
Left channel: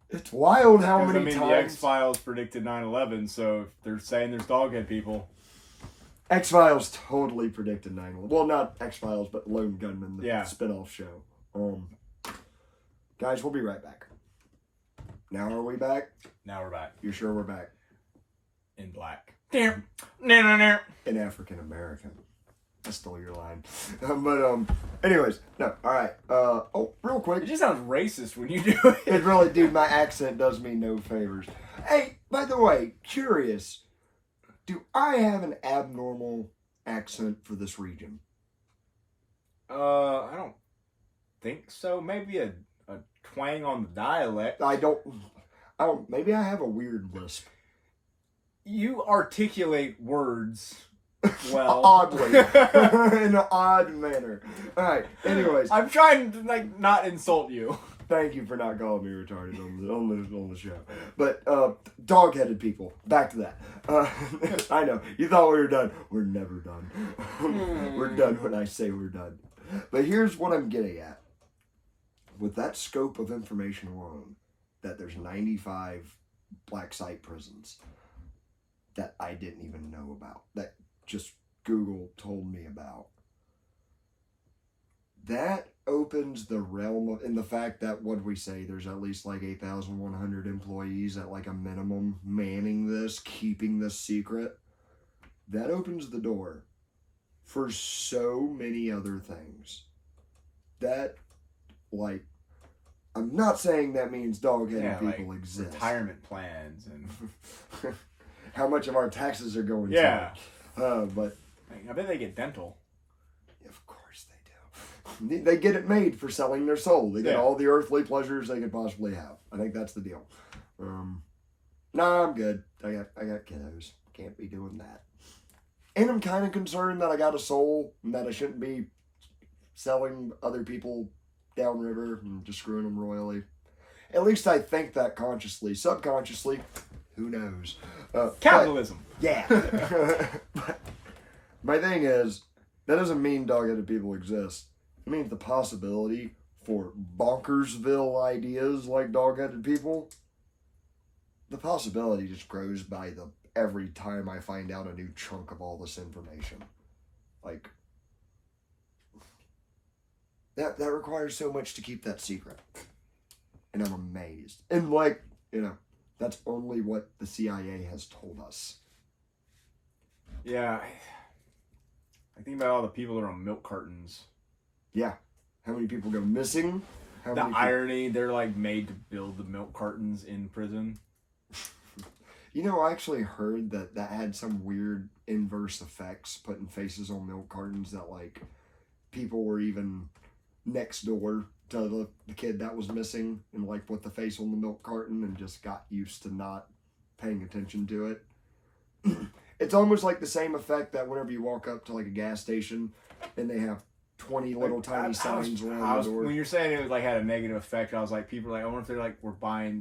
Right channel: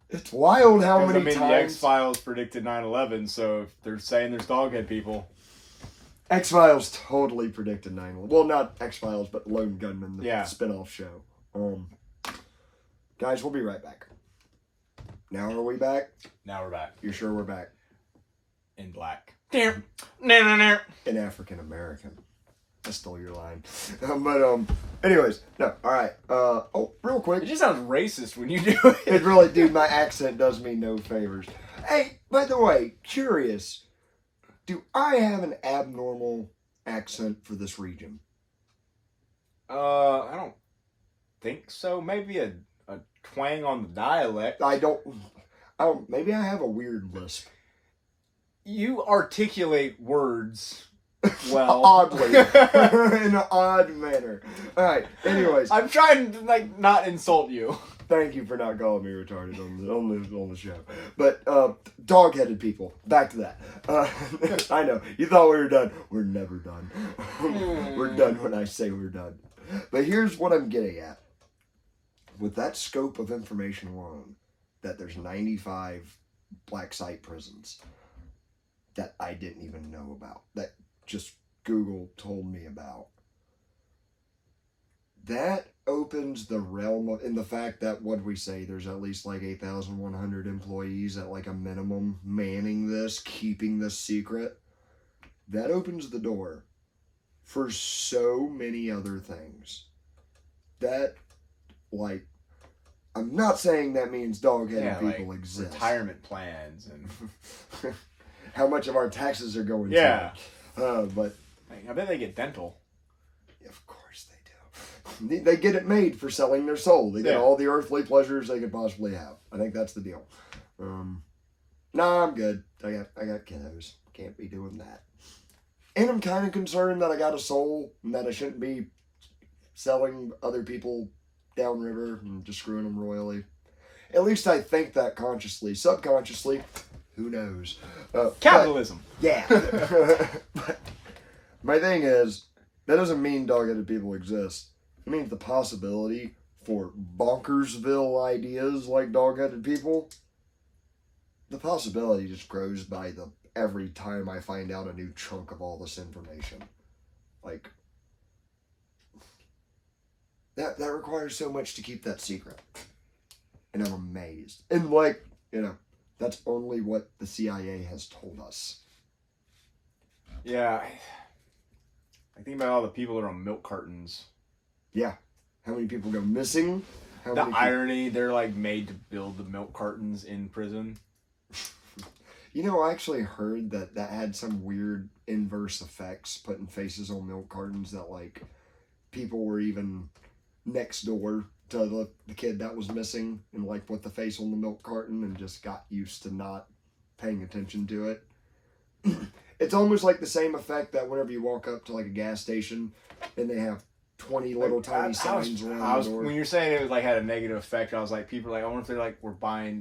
it's wild how many times... the X-Files predicted 9/11, so if they're saying there's doghead people... X-Files totally predicted 9/11. Well, not X-Files, but Lone Gunman, the spin-off show. Guys, we'll be right back. Now are we back? Now we're back. You're sure we're back? In black. In African American. I stole your line. Anyways, no, alright. Real quick. It just sounds racist when you do it. It really, dude, my accent does me no favors. Hey, by the way, curious. Do I have an abnormal accent for this region? I don't think so. Maybe a twang on the dialect. I don't, maybe I have a weird lisp. You articulate words well. Oddly. In an odd manner. Alright, anyways. I'm trying to, like, not insult you. Thank you for not calling me retarded on the show. But, dog-headed people. Back to that. I know. You thought we were done. We're never done. We're done when I say we're done. But here's what I'm getting at. With that scope of information alone, that there's 95 black site prisons that I didn't even know about, that just Google told me about. that opens the realm of, in the fact that, what we say, there's at least like 8,100 employees at like a minimum manning this, keeping this secret. That opens the door for so many other things. That, like, I'm not saying that means dog-headed people like exist. Retirement plans and how much of our taxes are going to. But I bet they get dental. Of course they do. They get it made for selling their soul. They get all the earthly pleasures they could possibly have. I think that's the deal. No, I'm good. I got kiddos. Can't be doing that. And I'm kind of concerned that I got a soul and that I shouldn't be selling other people downriver and just screwing them royally. At least I think that consciously. Subconsciously, who knows? Capitalism. Yeah. But my thing is, that doesn't mean dog-headed people exist. It means the possibility for bonkersville ideas like dog-headed people, the possibility just grows by the every time I find out a new chunk of all this information. Like, that requires so much to keep that secret. And I'm amazed. And like, that's only what the CIA has told us. Yeah. I think about all the people that are on milk cartons. Yeah. How many people go missing? The irony, they're like made to build the milk cartons in prison. I actually heard that had some weird inverse effects, putting faces on milk cartons, that like people were even next door to the kid that was missing and like put the face on the milk carton and just got used to not paying attention to it. It's almost like the same effect that whenever you walk up to like a gas station and they have 20 little tiny signs around the door. When you're saying it was like had a negative effect, I was like, people are like, I wonder if they're like,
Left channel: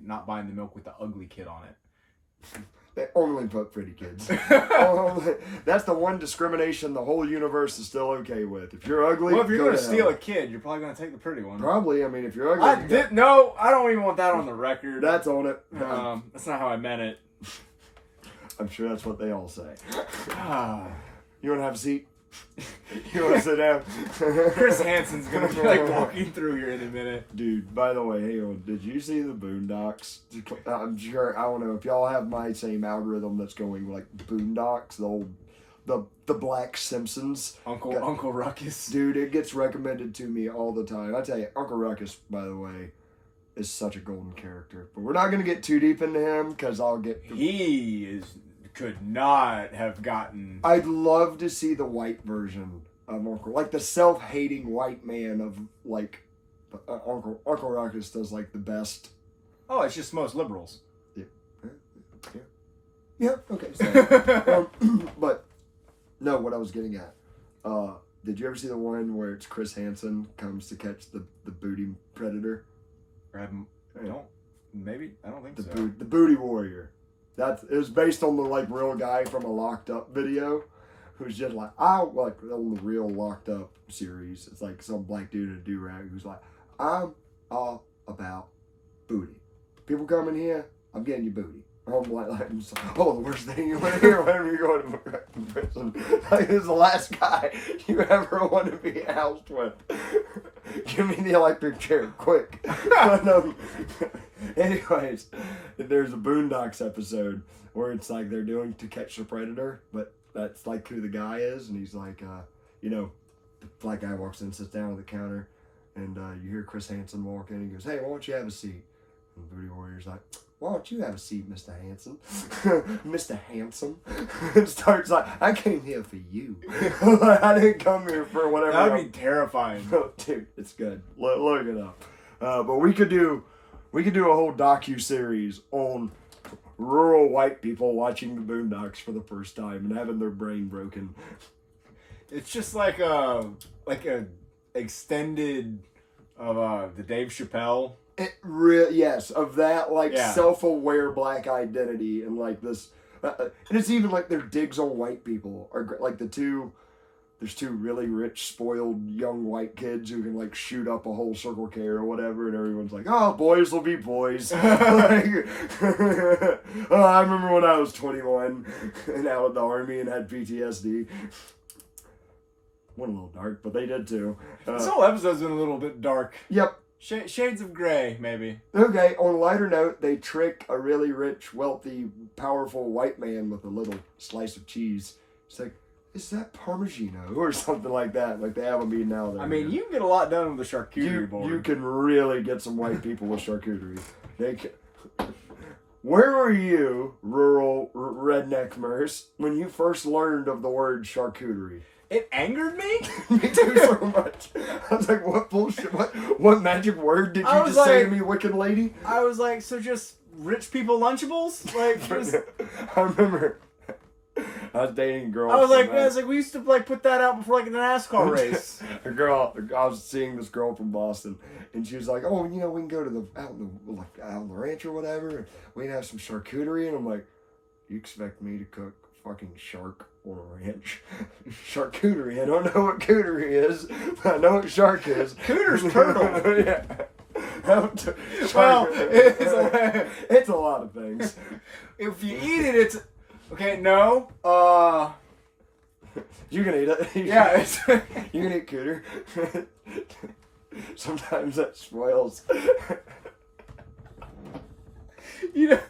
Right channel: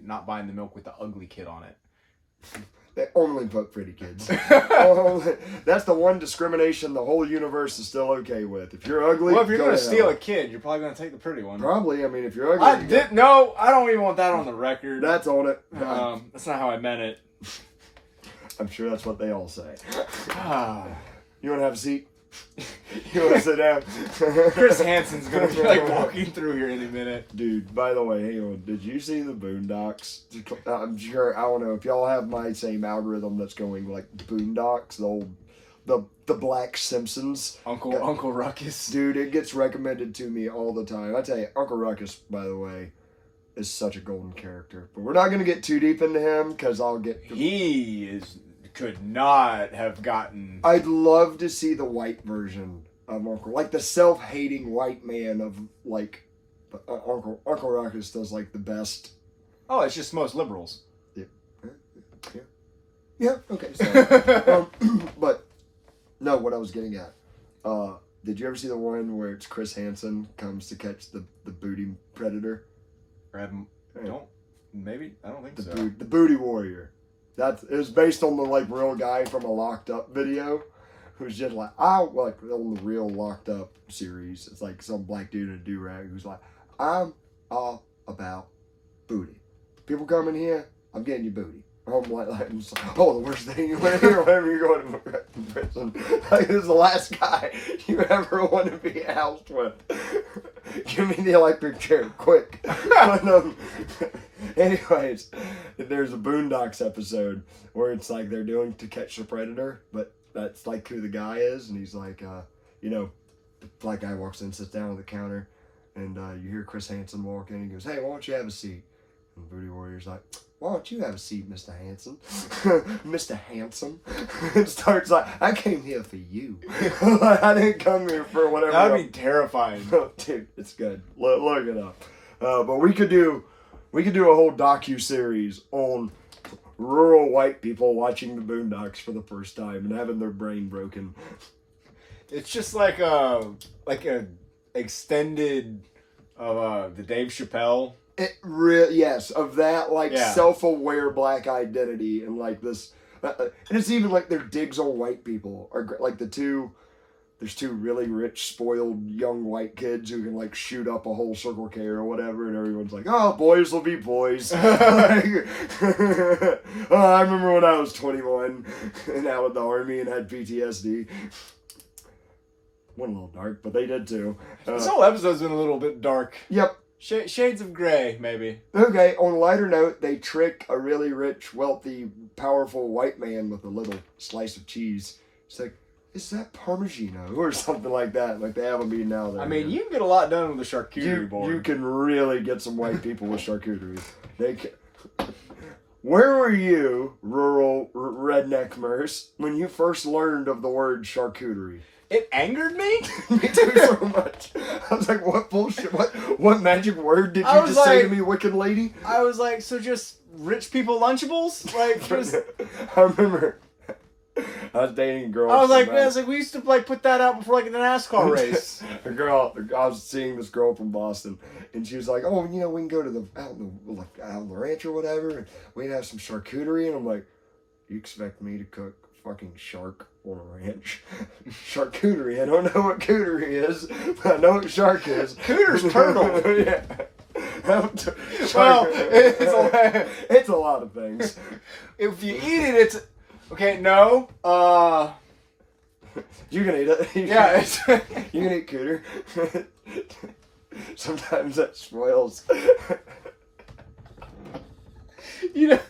not buying the milk with the ugly kid on it. They only put pretty kids. That's the one discrimination the whole universe is still okay with. If you're ugly, well, if you're going to steal a kid, you're probably going to take the pretty one. Probably. I mean, if you're ugly, I don't even want that on the record. That's on it. That's not how I meant it. I'm sure that's what they all say. You want to have a seat? You want to sit down? Chris Hansen's going to be like walking through here in a minute. Dude, by the way, hang on. Did you see the Boondocks? I'm sure, I don't know if y'all have my same algorithm that's going like Boondocks, the Black Simpsons. Uncle Ruckus. Dude, it gets recommended to me all the time. I tell you, Uncle Ruckus, by the way, is such a golden character. But we're not going to get too deep into him because I'll get... He could not have gotten... I'd love to see the white version of Uncle... Like the self-hating white man of like... Uncle Ruckus does like the best... Oh, it's just most liberals. Yeah, okay. So, but, no, what I was getting at. Did you ever see the one where it's Chris Hansen comes to catch the booty predator? I don't think so. The booty warrior. It was based on the like real guy from a Locked Up video, who's just like on the real Locked Up series. It's like some black dude in a do-rag who's like, I'm all about booty. People come in here, I'm getting your booty. I'm like the worst thing you want to hear whenever you're going to prison. Like, this is the last guy you ever want to be housed with. Give me the electric chair, quick. But, anyways, there's a Boondocks episode where it's like they're doing To Catch the Predator, but that's like who the guy is, and he's like, the black guy walks in, sits down at the counter, and you hear Chris Hansen walk in, and he goes, hey, why don't you have a seat? And the booty warrior's like, why don't you have a seat, Mr. Hansen? Mr. Handsome. And starts like, I came here for you. I didn't come here for whatever. That would be terrifying. Dude, it's good. Look it up. But we could do a whole docu-series on rural white people watching the Boondocks for the first time and having their brain broken. It's just like a extended of the Dave Chappelle. Yes, of that self-aware black identity and like this, and it's even like their digs on white people are like there's two really rich, spoiled young white kids who can like shoot up a whole Circle K or whatever, and everyone's like, oh, boys will be boys. I remember when I was 21 and out of the army and had PTSD. Went a little dark, but they did too. This whole episode's been a little bit dark. Yep. Shades of gray, maybe. Okay, on a lighter note, they trick a really rich, wealthy, powerful white man with a little slice of cheese. It's like, is that Parmigiano or something like that? Like they have a meeting now there. I mean, you can get a lot done with the charcuterie board. You can really get some white people with charcuterie. They can. Where were you, rural redneck Merce, when you first learned of the word charcuterie? It angered me. Me too, so much. I was like, what bullshit? What magic word did you just say to me, wicked lady? I was like, so just rich people Lunchables? Like, just... I remember I was dating a girl. I was like, we used to like put that out before like in a NASCAR race. A girl, I was seeing this girl from Boston, and she was like, "Oh, you know, we can go to out on the ranch or whatever, and we can have some charcuterie." And I'm like, "You expect me to cook fucking shark on a ranch? Charcuterie? I don't know what cooterie is, but I know what shark is. Cooter's turtle." Yeah. Well, it's a lot of things. If you eat it, it's okay. No, you can eat it. Yeah, you can eat cooter. Sometimes that spoils. You know,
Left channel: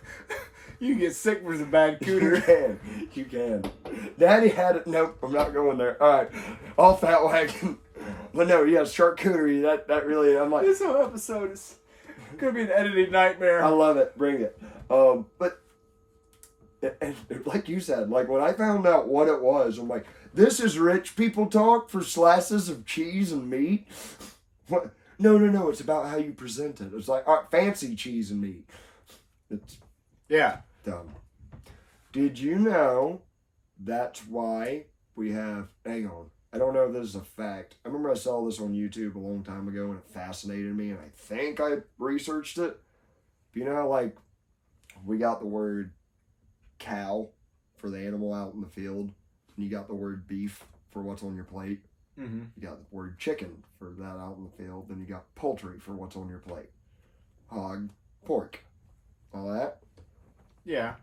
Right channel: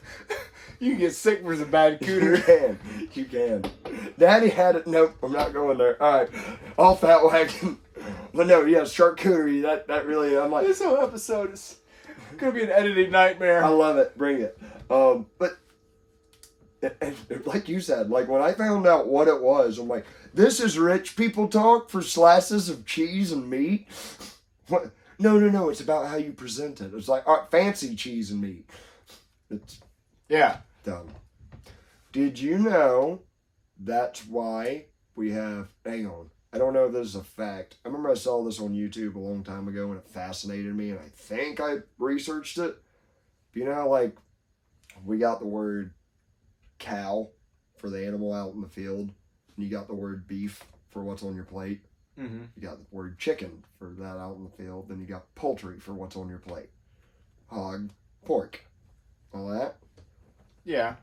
you can get sick from some bad cooter. You can. Daddy had it. Nope, I'm not going there. All right, off that wagon. But no, yeah, charcuterie. That really, I'm like, This whole episode is gonna be an editing nightmare. I love it. Bring it. But and like you said, like when I found out what it was, I'm like, this is rich people talk for slices of cheese and meat. What? No. It's about how you present it. It's like fancy cheese and meat. It's dumb. Did you know that's why we have? Hang on. I don't know if this is a fact. I remember I saw this on YouTube a long time ago and it fascinated me, and I think I researched it. You know how, like, we got the word cow for the animal out in the field, and you got the word beef for what's on your plate. Mm-hmm. You got the word chicken for that out in the field. Then you got poultry for what's on your plate. Hog, pork, all that. Yeah.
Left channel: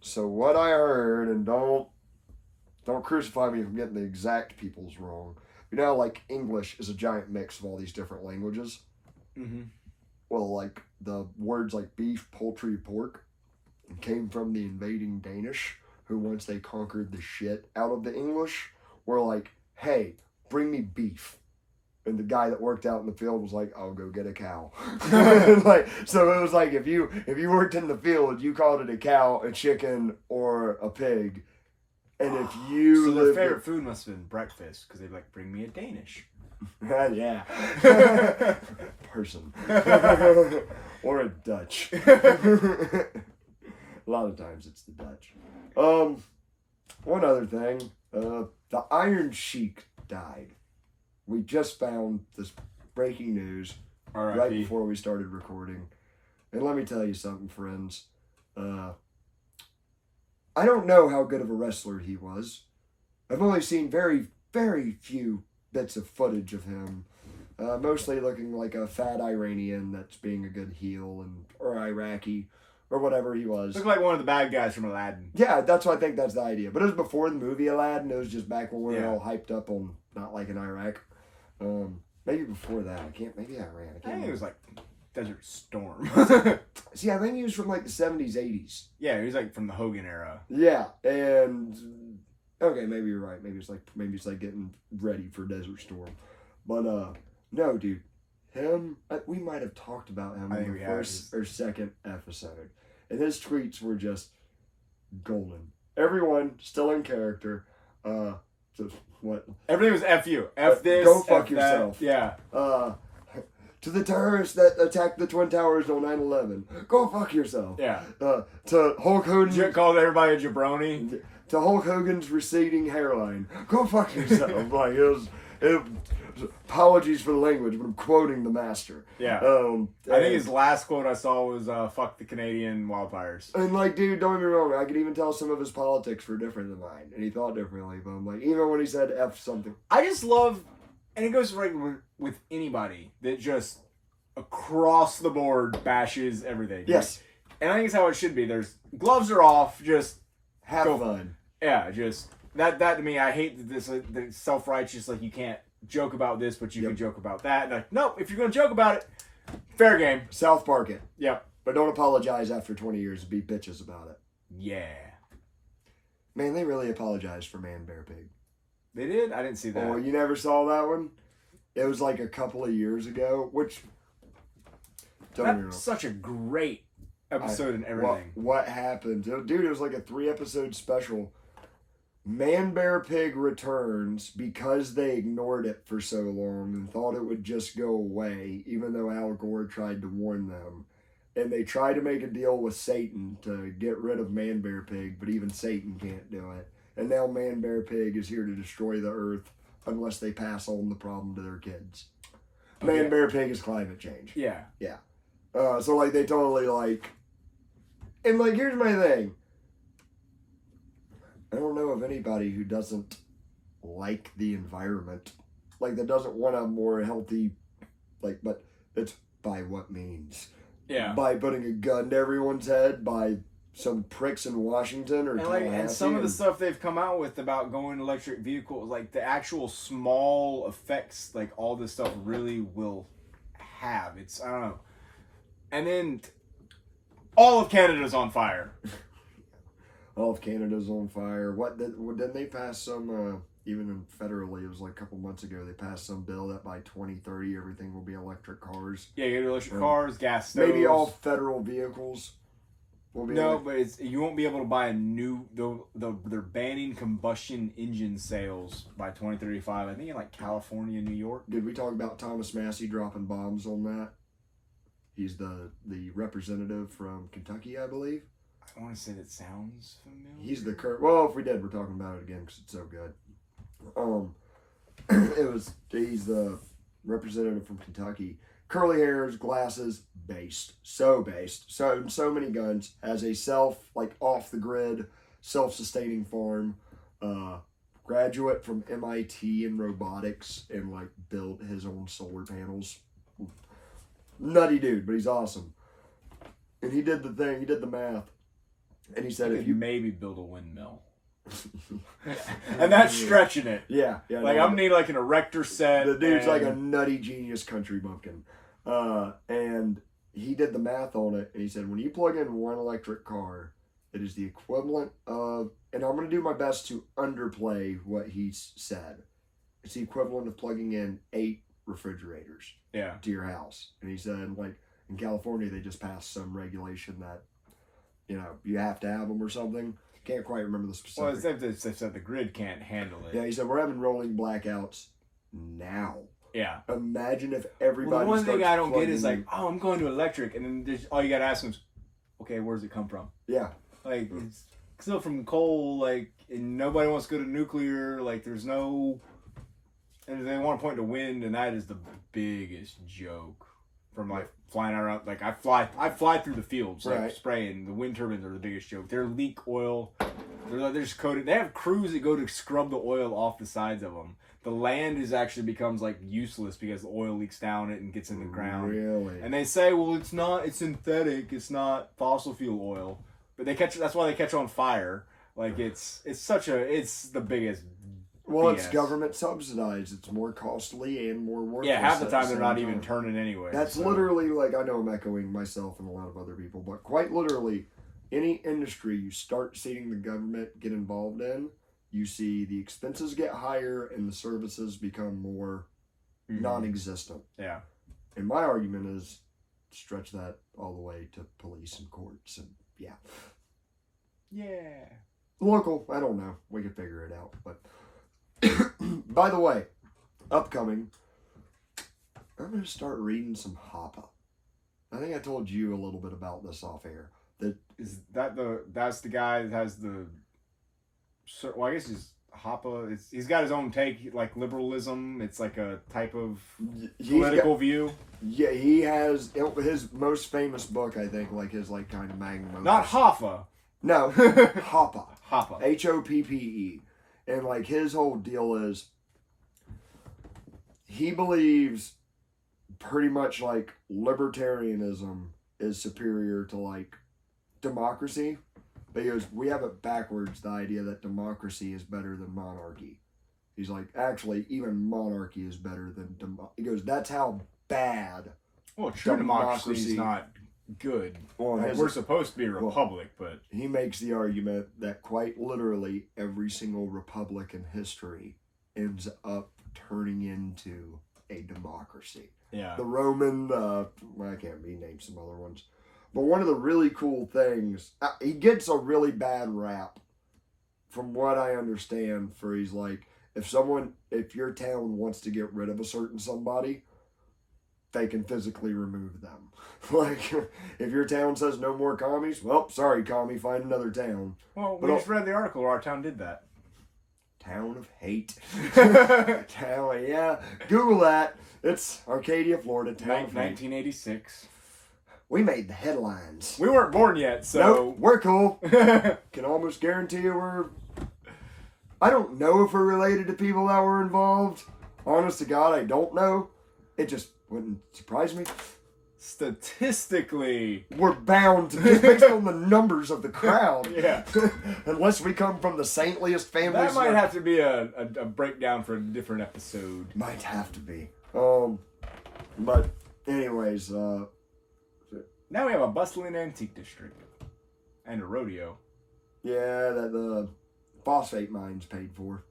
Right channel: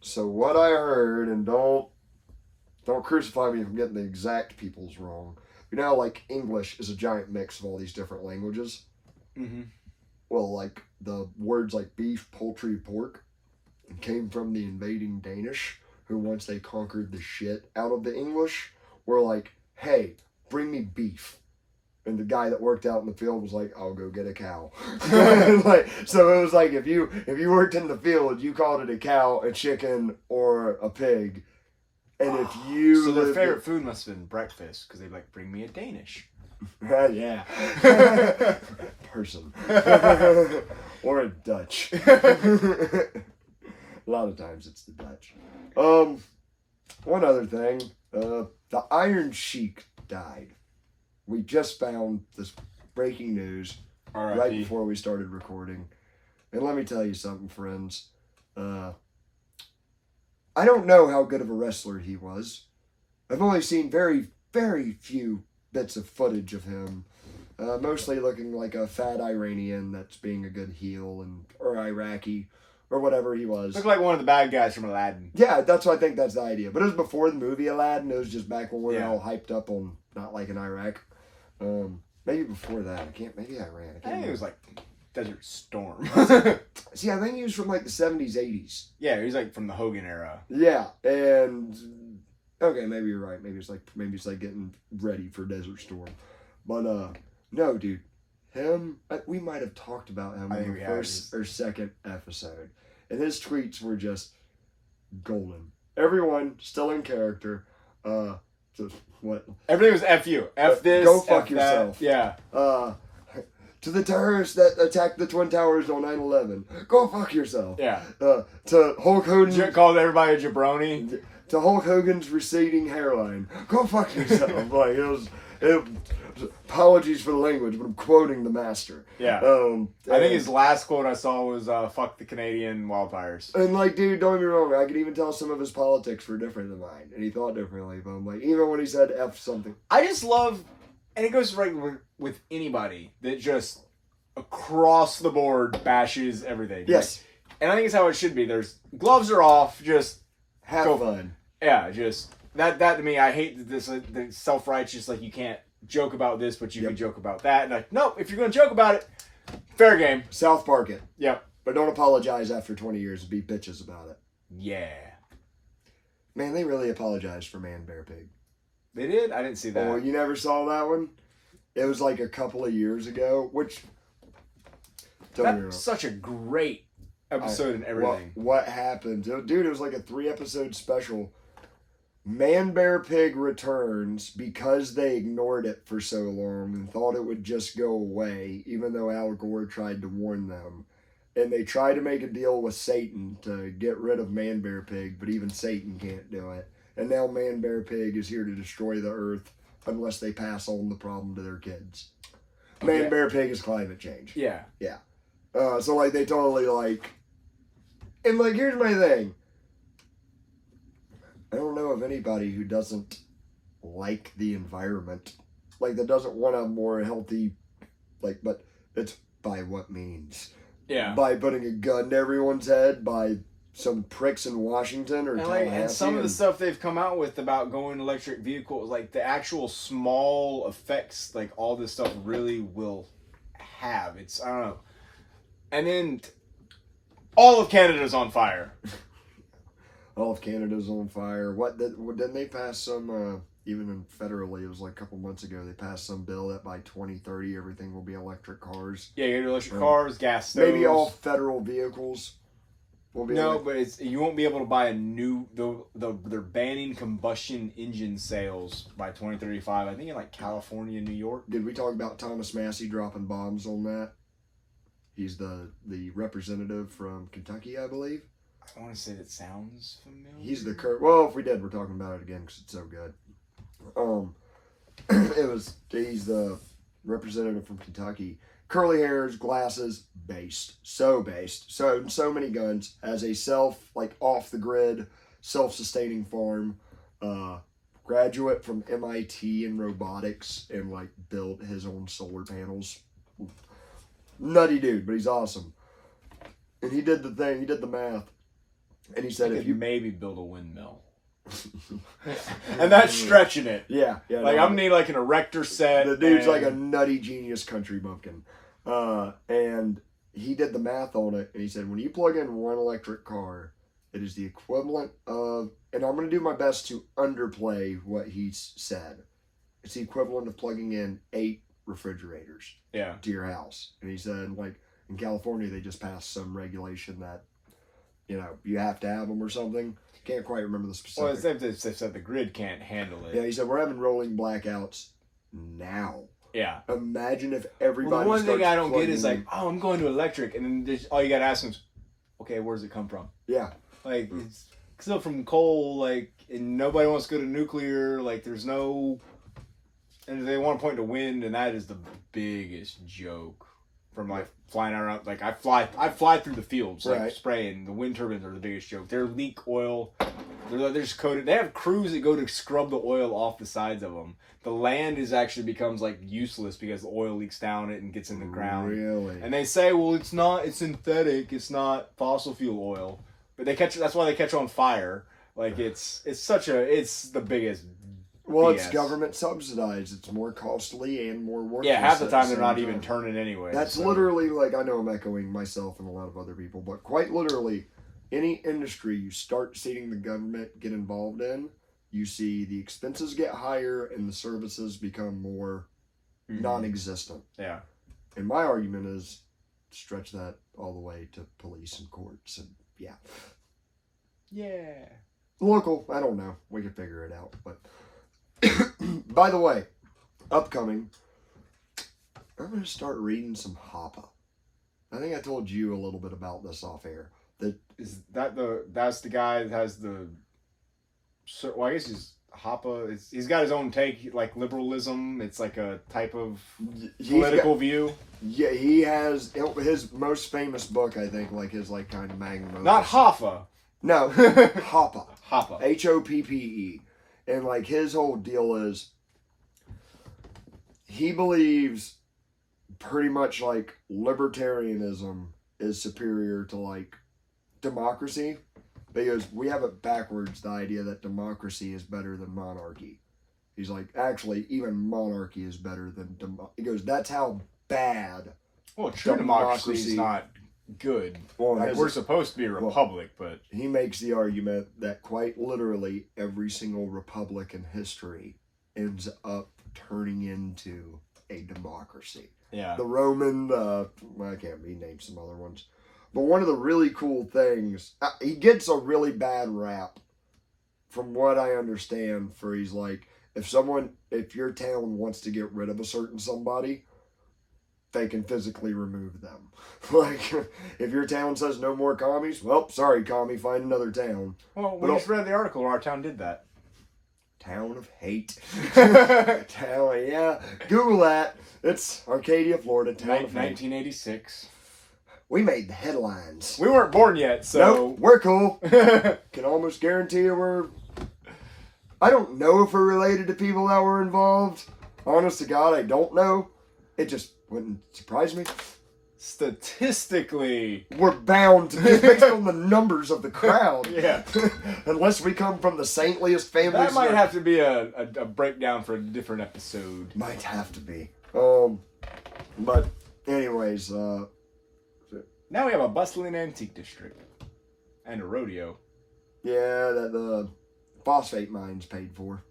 So what I heard, and don't crucify me if I'm getting the exact peoples wrong. You know, like English is a giant mix of all these different languages. Mm-hmm. Well, like the words like beef, poultry, pork came from the invading Danish, who once they conquered the shit out of the English, were like, hey, bring me beef. And the guy that worked out in the field was like, I'll go get a cow. Like, so it was like, if you worked in the field, you called it a cow, a chicken, or a pig. And if you so their favorite food must have been breakfast, because they'd like, bring me a Danish. Yeah. Person. Or a Dutch. A lot of times it's the Dutch. One other thing. The Iron Sheik died. We just found this breaking news right before we started recording. And let me tell you something, friends. I don't know how good of a wrestler he was. I've only seen very, very few bits of footage of him. Mostly looking like a fat Iranian that's being a good heel, or Iraqi, or whatever he was. Looked like one of the bad guys from Aladdin. Yeah, that's what I think that's the idea. But it was before the movie Aladdin. It was just back when we were all hyped up on not liking Iraq. Maybe before that. Maybe Iran. I think it was like Desert Storm. See, I think he was from like the 70s, 80s. Yeah, he was like from the Hogan era. Yeah, and okay, maybe you're right. Maybe it's like getting ready for Desert Storm. But no, dude, we might have talked about him in the first or second episode, and his tweets were just golden. Everyone still in character. What? Everything was F you. F this. Go fuck F yourself. That. Yeah. To the terrorists that attacked the Twin Towers on 9/11, go fuck yourself. Yeah. To Hulk Hogan. Called everybody a jabroni. To Hulk Hogan's receding hairline, go fuck yourself. Like it was apologies for the language, but I'm quoting the master. Yeah. I think his last quote I saw was "fuck the Canadian wildfires." And like, dude, don't get me wrong, I could even tell some of his politics were different than mine, and he thought differently. But I'm like, even when he said "f" something, I just love, and it goes right with anybody that just across the board bashes everything. Yes. And I think it's how it should be. There's gloves are off, just have fun. Yeah, just that to me, I hate this the self-righteous, like you can't joke about this, but you can joke about that. And like, nope, if you're gonna joke about it, fair game. South Park it. Yeah. But don't apologize after 20 years and be bitches about it. Yeah. Man, they really apologized for Man, Bear, Pig. They did? I didn't see that. Oh, you never saw that one? It was like a couple of years ago, which... That's such a great episode and everything. What happened? Dude, it was like a 3-episode special. Man, Bear, Pig returns because they ignored it for so long and thought it would just go away, even though Al Gore tried to warn them. And they tried to make a deal with Satan to get rid of Man, Bear, Pig, but even Satan can't do it. And now Man, Bear, Pig is here to destroy the earth unless they pass on the problem to their kids. Man, Bear, Pig is climate change. Yeah. Yeah. So, like, they totally, like... And, like, here's my thing. I don't know of anybody who doesn't like the environment. Like, that doesn't want a more healthy... Like, but it's by what means? Yeah. By putting a gun to everyone's head, by some pricks in Washington or Tallahassee. And some of the stuff they've come out with about going electric vehicles, like, the actual small effects, like, all this stuff really will have. It's, I don't know. And then all of Canada's on fire. All of Canada's on fire. Didn't they pass some, even in federally, it was like a couple months ago, they passed some bill that by 2030 everything will be electric cars. Yeah, you got electric cars, gas stoves. Maybe all federal vehicles will be but you won't be able to buy a new, they're banning combustion engine sales by 2035. I think in like California, New York. Did we talk about Thomas Massey dropping bombs on that? He's the representative from Kentucky, I believe. I want to say that sounds familiar. He's the current... Well, if we did, we're talking about it again because it's so good. He's the representative from Kentucky. Curly hairs, glasses, based. So based. So many guns. Has a off-the-grid, self-sustaining farm. Graduate from MIT in robotics and, like, built his own solar panels. Nutty dude, but he's awesome. And he did the thing, he did the math. And he said, if you maybe build a windmill. And that's stretching it. Yeah. Like, I'm need like an erector set. The dude's like a nutty genius country bumpkin. And he did the math on it, and he said, when you plug in one electric car, it is the equivalent of, and I'm going to do my best to underplay what he said. It's the equivalent of plugging in 8 refrigerators to your house. And he said, like, in California, they just passed some regulation that, you know, you have to have them or something. Can't quite remember the specific. Well, they said the grid can't handle it. Yeah, he said, we're having rolling blackouts now. Yeah. Imagine if everybody one thing I don't get is in. like, oh, I'm going to electric, and then all you got to ask them is, okay, where does it come from? Yeah. Like, it's still from coal, like, and nobody wants to go to nuclear, like, there's no... And they want to point to wind, and that is the biggest joke from like flying around. Like I fly through the fields, like spraying. The wind turbines are the biggest joke. They're leak oil. They're just coated. They have crews that go to scrub the oil off the sides of them. The land actually becomes like useless because the oil leaks down it and gets in the ground. Really? And they say, well, it's not. It's synthetic. It's not fossil fuel oil. But that's why they catch on fire. Like it's the biggest. Well, it's government subsidized. It's more costly and more worthless. Yeah, half the time they're not even turning anyway. That's literally, like, I know I'm echoing myself and a lot of other people, but quite literally, any industry you start seeing the government get involved in, you see the expenses get higher and the services become more non-existent. Yeah. And my argument is stretch that all the way to police and courts and, yeah. Yeah. Local, I don't know. We could figure it out, but... By the way, upcoming, I'm going to start reading some Hoppe. I think I told you a little bit about this off air. That's the guy that has the, well, I guess he's Hoppe. He's got his own take, like liberalism. It's like a type of political view. Yeah, he has his most famous book, I think, like his like kind of magnum opus. Not Hoffa. No, Hoppe. Hoppe. Hoppe. And, like, his whole deal is he believes pretty much, like, libertarianism is superior to, like, democracy. But he goes, we have it backwards, the idea that democracy is better than monarchy. He's like, actually, even monarchy is better than he goes, that's how bad. Well, true democracy is not good. Well, like, we're supposed to be a republic, but he makes the argument that quite literally every single republic in history ends up turning into a democracy. Yeah. The Roman, I can't name some other ones. But one of the really cool things, he gets a really bad rap, from what I understand, for he's like, if your town wants to get rid of a certain somebody, they can physically remove them. Like, if your town says no more commies, well, sorry, commie, find another town. Well, we just read the article where our town did that. Town of hate. Town, yeah. Google that. It's Arcadia, Florida. Town of hate. 1986. We made the headlines. We weren't born yet, so... Nope, we're cool. Can almost guarantee you I don't know if we're related to people that were involved. Honest to God, I don't know. It just wouldn't surprise me. Statistically, we're bound to be based on the numbers of the crowd. Yeah. Unless we come from the saintliest families. That might have to be a breakdown for a different episode. Might have to be. But anyways, now we have a bustling antique district. And a rodeo. Yeah, that the phosphate mines paid for.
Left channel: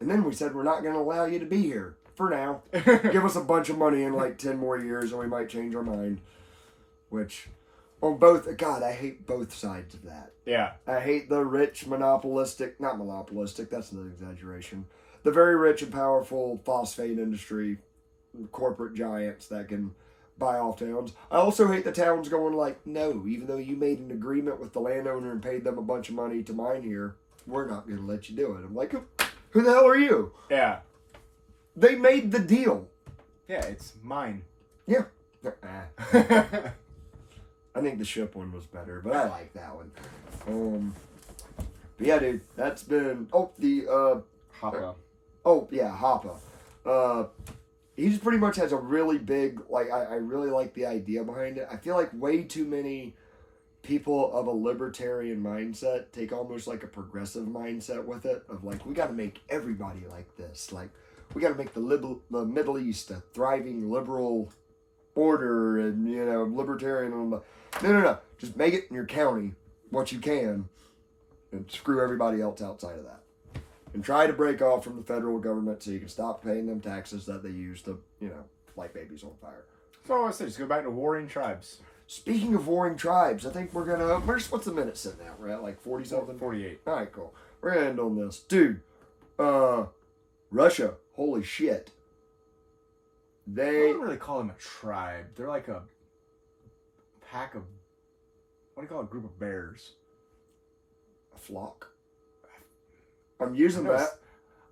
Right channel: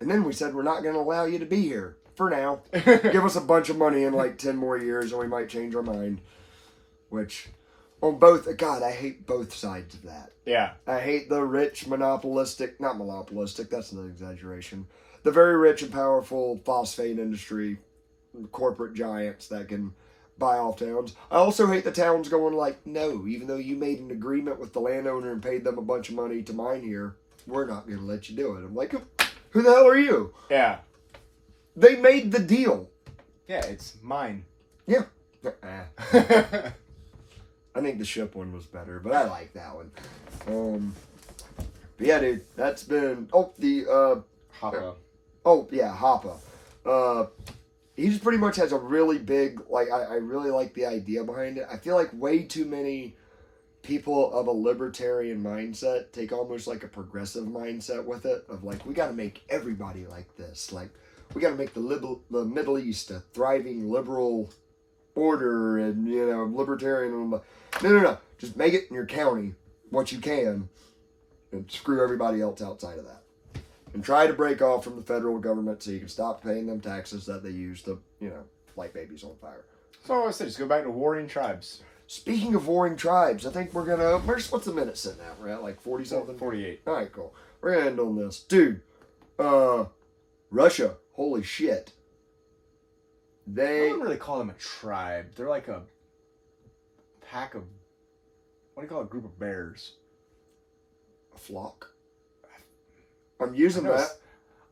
And then we said we're not going to allow you to be here. For now. Give us a bunch of money in like 10 more years and we might change our mind. Which, on both, God, I hate both sides of that. Yeah. I hate the rich not monopolistic, that's an exaggeration. The very rich and powerful phosphate industry, corporate giants that can buy off towns. I also hate the towns going like, no, even though you made an agreement with the landowner and paid them a bunch of money to mine here, we're not going to let you do it. I'm like, who the hell are you? Yeah. They made the deal. Yeah, it's mine. Yeah. I think the ship one was better, but I like that one. But yeah, dude, that's been Hoppe. Hoppe. He just pretty much has a really big, like, I really like the idea behind it. I feel like way too many people of a libertarian mindset take almost like a progressive mindset with it, of like, we got to make everybody like this. Like, we got to make the Middle East a thriving liberal order and, libertarian. No. Just make it in your county what you can and screw everybody else outside of that. And try to break off from the federal government so you can stop paying them taxes that they use to, light babies on fire. So I said, just go back to warring tribes. Speaking of warring tribes, I think we're going to... What's the minute sitting at? We're at like 40-something? 48. All right, cool. We're going to end on this. Dude, Russia, holy shit. I don't really call them a tribe. They're like a pack of... What do you call a group of bears? A flock? I'm using that.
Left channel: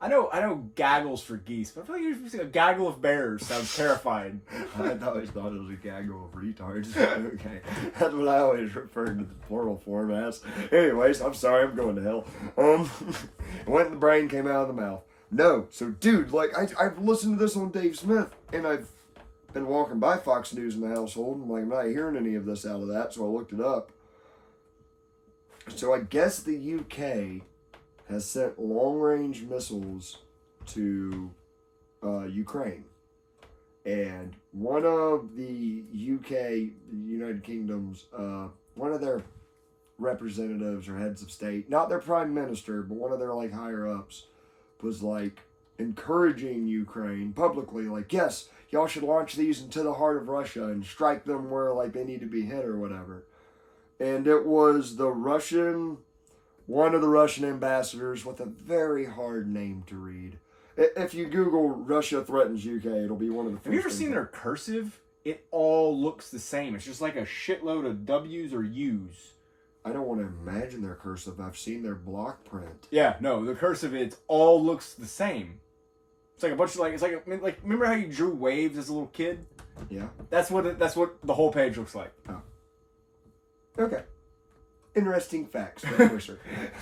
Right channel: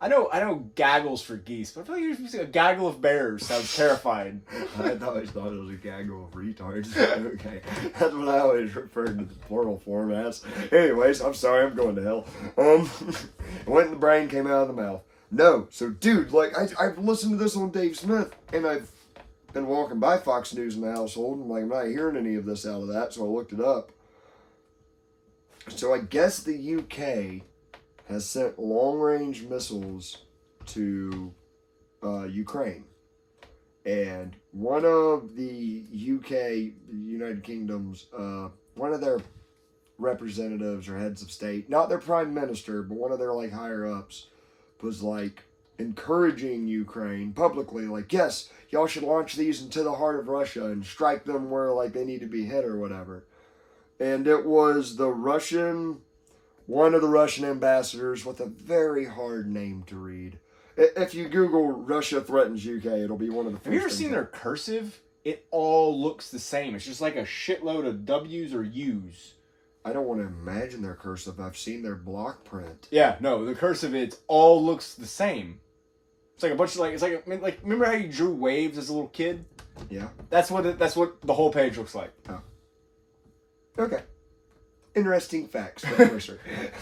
I know gaggles for geese, but I feel like you're using a gaggle of bears. Sounds terrifying. I always thought it was a gaggle of retards. Okay. That's what I always referred to the plural form as. Anyways, I'm sorry, I'm going to hell. Went in the brain, came out of the mouth. No. So, dude, like, I've listened to this on Dave Smith, and I've been walking by Fox News in the household, and, like, I'm not hearing any of this out of that, so I looked it up. So, I guess the UK has sent long-range missiles to Ukraine. And one of the UK, United Kingdom's, one of their representatives or heads of state, not their prime minister, but one of their, like, higher-ups, was, like, encouraging Ukraine publicly, like, yes, y'all should launch these into the heart of Russia and strike them where, like, they need to be hit or whatever. And it was one of the Russian ambassadors with a very hard name to read. If you Google Russia threatens UK, it'll be one of the first. Have you ever seen their cursive? It all looks the same. It's just like a shitload of W's or U's. I don't want to imagine their cursive. I've seen their block print. Yeah, no, the cursive, it all looks the same. It's like a bunch of like remember how you drew waves as a little kid? Yeah. That's what the whole page looks like. Oh. Okay. Interesting facts for the listener.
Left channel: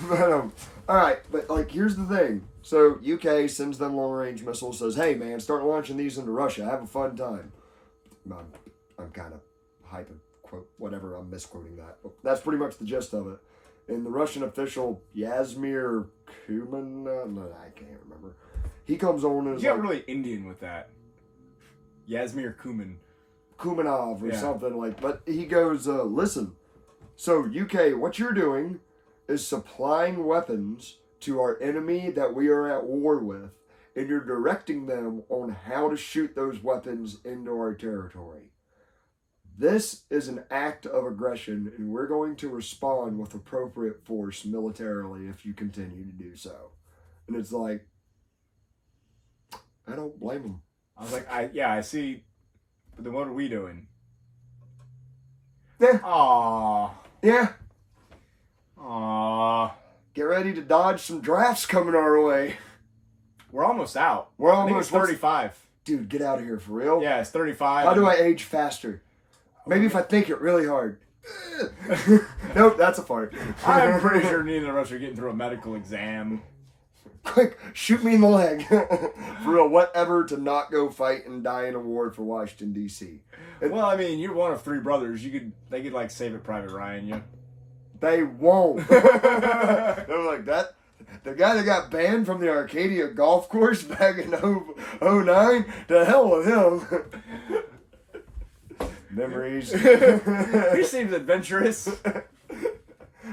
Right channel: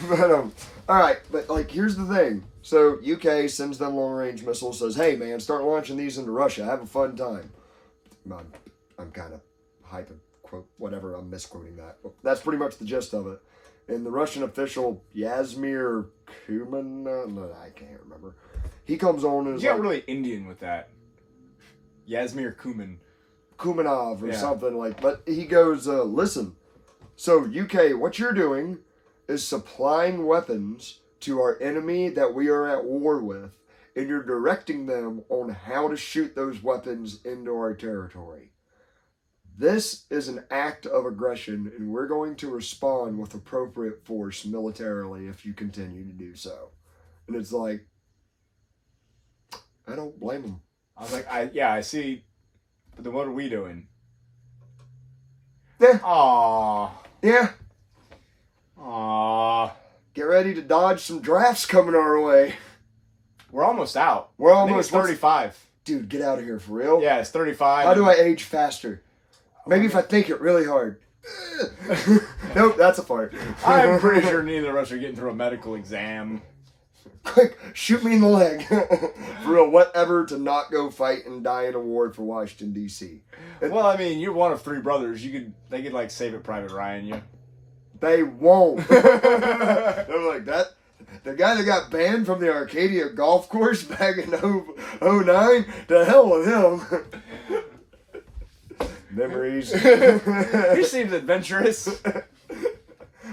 But all right, but like here's the thing. So UK sends them long range missiles, says, "Hey man, start launching these into Russia. Have a fun time." I'm kind of hyping quote whatever. I'm misquoting that. But that's pretty much the gist of it. And the Russian official, Yazmir Kuman, no, I can't remember. He comes on and is You got like, really Indian with that. Yazmir Kuman. Kumanov or Yeah. something like. But he goes, listen, so UK, what you're doing is supplying weapons to our enemy that we are at war with, and you're directing them on how to shoot those weapons into our territory. This is an act of aggression, and we're going to respond with appropriate force militarily if you continue to do so. And it's like, I don't blame them. I was like, I see. But then what are we doing? Yeah. Aww. Yeah. Aww. Get ready to dodge some drafts coming our way. We're almost out. We're I think almost it's 35. Dude, get out of here for real. Yeah, it's 35. How do I age faster? Maybe if I think it really hard. Nope, that's a fart. I'm pretty sure neither of us are getting through a medical exam. Quick, shoot me in the leg. For real, whatever to not go fight and die in a war for Washington, D.C. Well, I mean, you're one of three brothers. They could like Save It Private Ryan you. They won't. They're like that. The guy that got banned from the Arcadia golf course back in 09, to hell with him. Memories. He seems adventurous.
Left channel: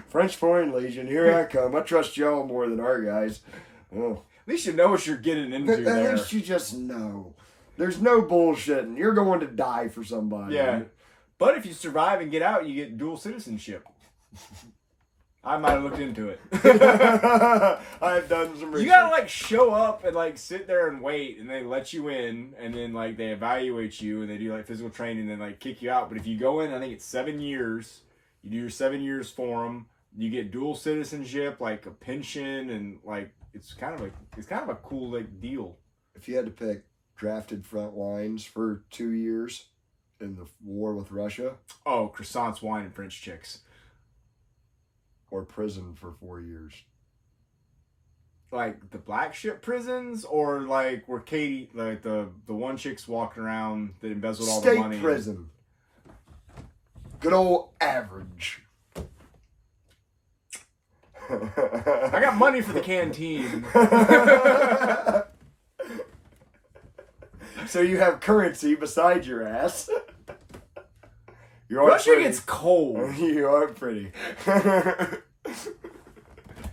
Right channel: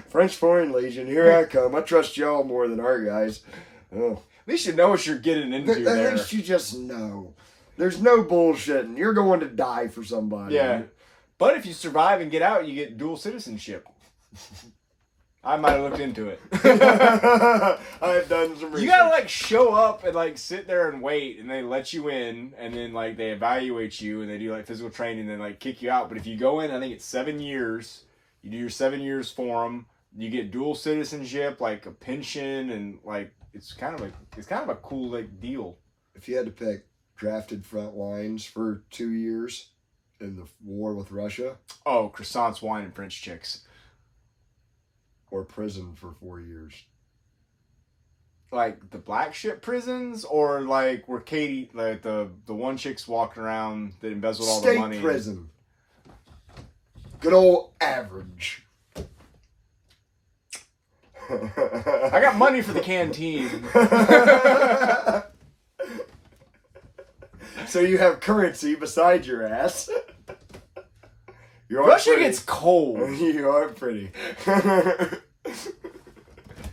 French Foreign Legion, here I come. I trust y'all more than our guys. Oh. At least you know what you're getting into At there. least you just know. There's no bullshitting. You're going to die for somebody. Yeah. But if you survive and get out, you get dual citizenship. I might have looked into it. I've done some research. You gotta like show up and like sit there and wait, and they let you in, and then like they evaluate you, and they do like physical training, and then like kick you out. But if you go in, I think it's 7 years. You do your 7 years for them. You get dual citizenship, like a pension, and like it's kind of a cool like deal. If you had to pick drafted front lines for 2 years in the war with Russia, Oh, croissants, wine, and French chicks. or prison for 4 years. Like the black ship prisons, or like where Katie, like the one chick's walking around that embezzled all the money. State prison. Good old average. I got money for the canteen. So you have currency beside your ass. You are Russia pretty. gets cold. You are pretty.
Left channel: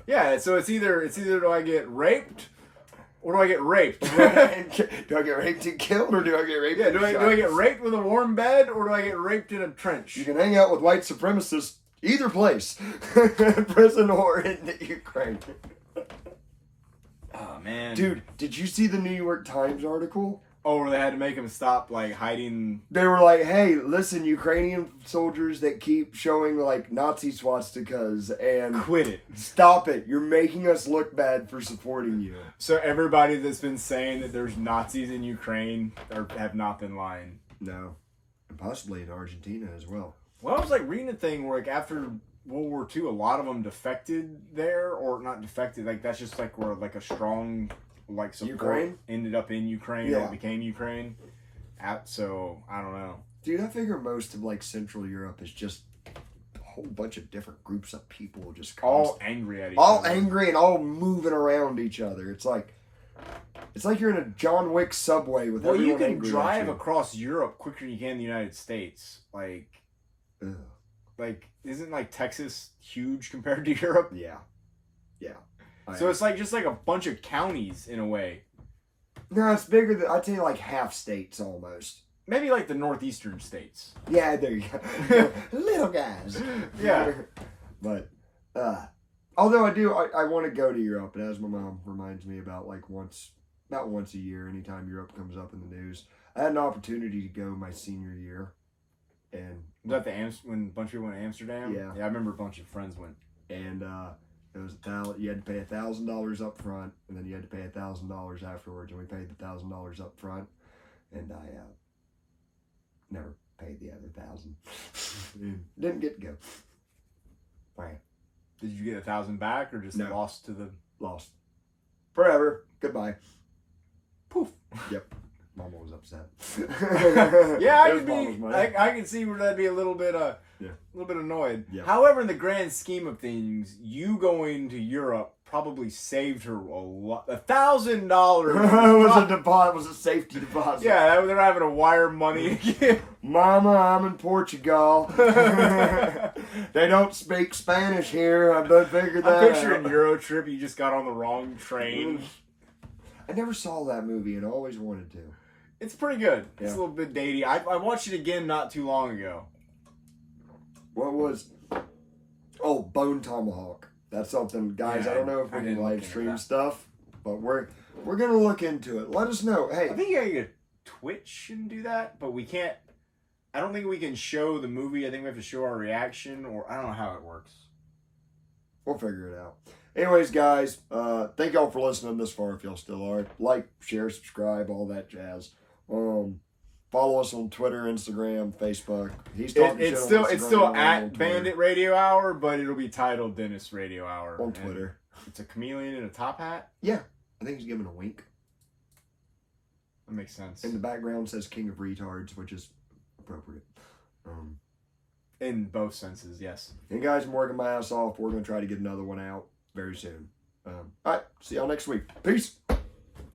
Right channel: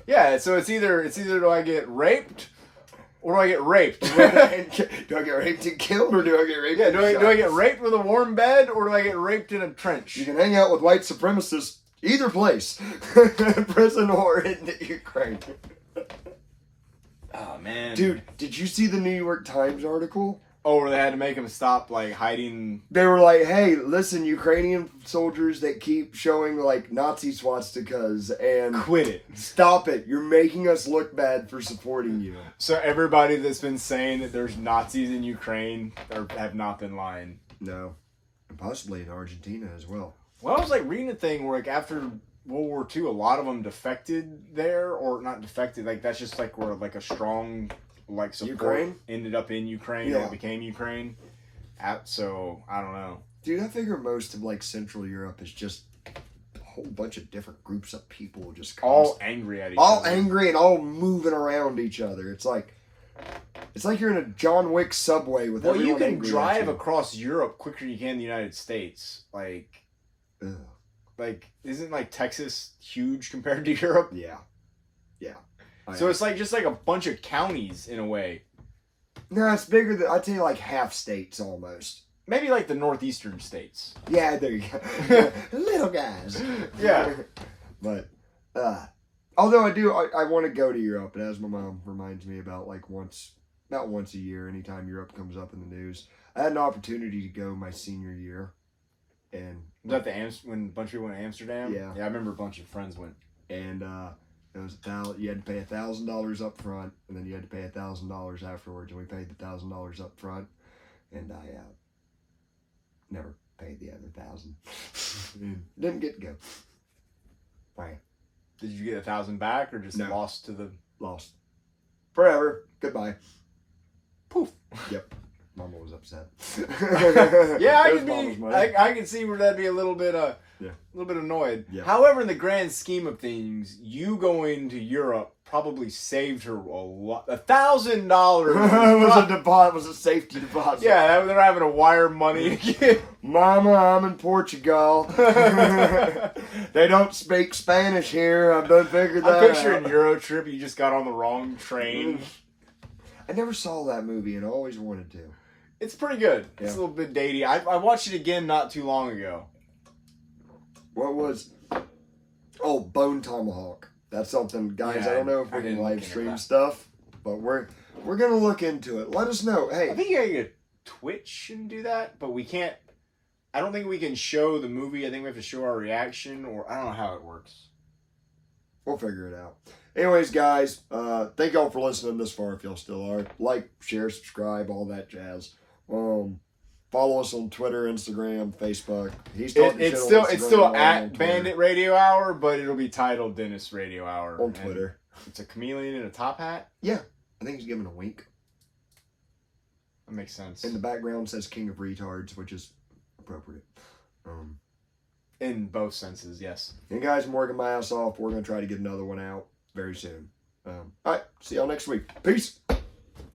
Yeah, so it's either do I get raped or do I get raped? Do I get raped and killed, or do I get raped? Yeah, and do I shot? get raped with a warm bed or do I get raped in a trench? You can hang out with white supremacists either place, prison or in the Ukraine. Oh man, Dude, did you see the New York Times article? Oh, where they had to make him stop like hiding. They were like, hey, listen, Ukrainian soldiers that keep showing like Nazi swastikas and Quit it. stop it. You're making us look bad for supporting you. So everybody that's been saying that there's Nazis in Ukraine have not been lying. No. And possibly in Argentina as well. Well, I was like reading a thing where like after World War II, a lot of them defected there, or not defected. Like that's just like where like a strong like support Ukraine? ended up in Ukraine Yeah. or became Ukraine. So I don't know. Dude, I figure most of like Central Europe is just a whole bunch of different groups of people just All angry at each all other. angry and all moving around each other. It's like you're in a John Wick subway with Well, you everyone can angry drive at you. across Europe quicker than you can in the United States. Ugh. Like isn't like Texas huge compared to Europe? Yeah. So it's like just like a bunch of counties in a way. No, it's bigger than, I'd say like half states almost. Maybe like the northeastern states. Yeah, there you go. Little guys. Yeah. But, although I want to go to Europe, and as my mom reminds me about once a year, anytime Europe comes up in the news. I had an opportunity to go my senior year. And Was that when a bunch of people went to Amsterdam? Yeah. Yeah, I remember a bunch of friends went. And it was you had to pay $1,000 up front, and then you had to pay $1,000 afterwards. And we paid the $1,000 up front, and I never paid the other $1,000. Didn't get to go. Right. Did you get 1,000 back or just No. lost to the Lost. Forever. Goodbye. poof? Yep. Mama was upset. Yeah, It was Mama's money. I can see where that'd be a little bit Yeah. A little bit annoyed. Yeah. However, in the grand scheme of things, you going to Europe probably saved her a lot. $1,000 was a safety deposit. Yeah, they're having to wire money. Mama, I'm in Portugal. They don't speak Spanish here. I've done figured that I'm picturing out. Euro trip. You just got on the wrong train. I never saw that movie and always wanted to. It's pretty good. Yeah. It's a little bit datey. I watched it again not too long ago. What was? Oh, Bone Tomahawk. That's something, guys. Yeah, I don't know if I we can didn't live look into stream that. stuff, but we're gonna look into it. Let us know. I Hey, think you gotta get Twitch and do that, but we can't. I don't think we can show the movie. I think we have to show our reaction, or I don't know how it works. we'll figure it out. Anyways, guys, thank y'all for listening this far. If y'all still are, like, share, subscribe, all that jazz. Follow us on Twitter, Instagram, Facebook. He's talking shit It's on still Instagram, it's still I'm on at Twitter. Bandit Radio Hour, but it'll be titled Dennis Radio Hour on and Twitter. It's a chameleon in a top hat. Yeah, I think he's giving a wink. That makes sense. In the background says "King of Retards," which is appropriate. In both senses, yes. And guys, I'm working my ass off. We're gonna try to get another one out very soon. All right, see y'all next week. Peace.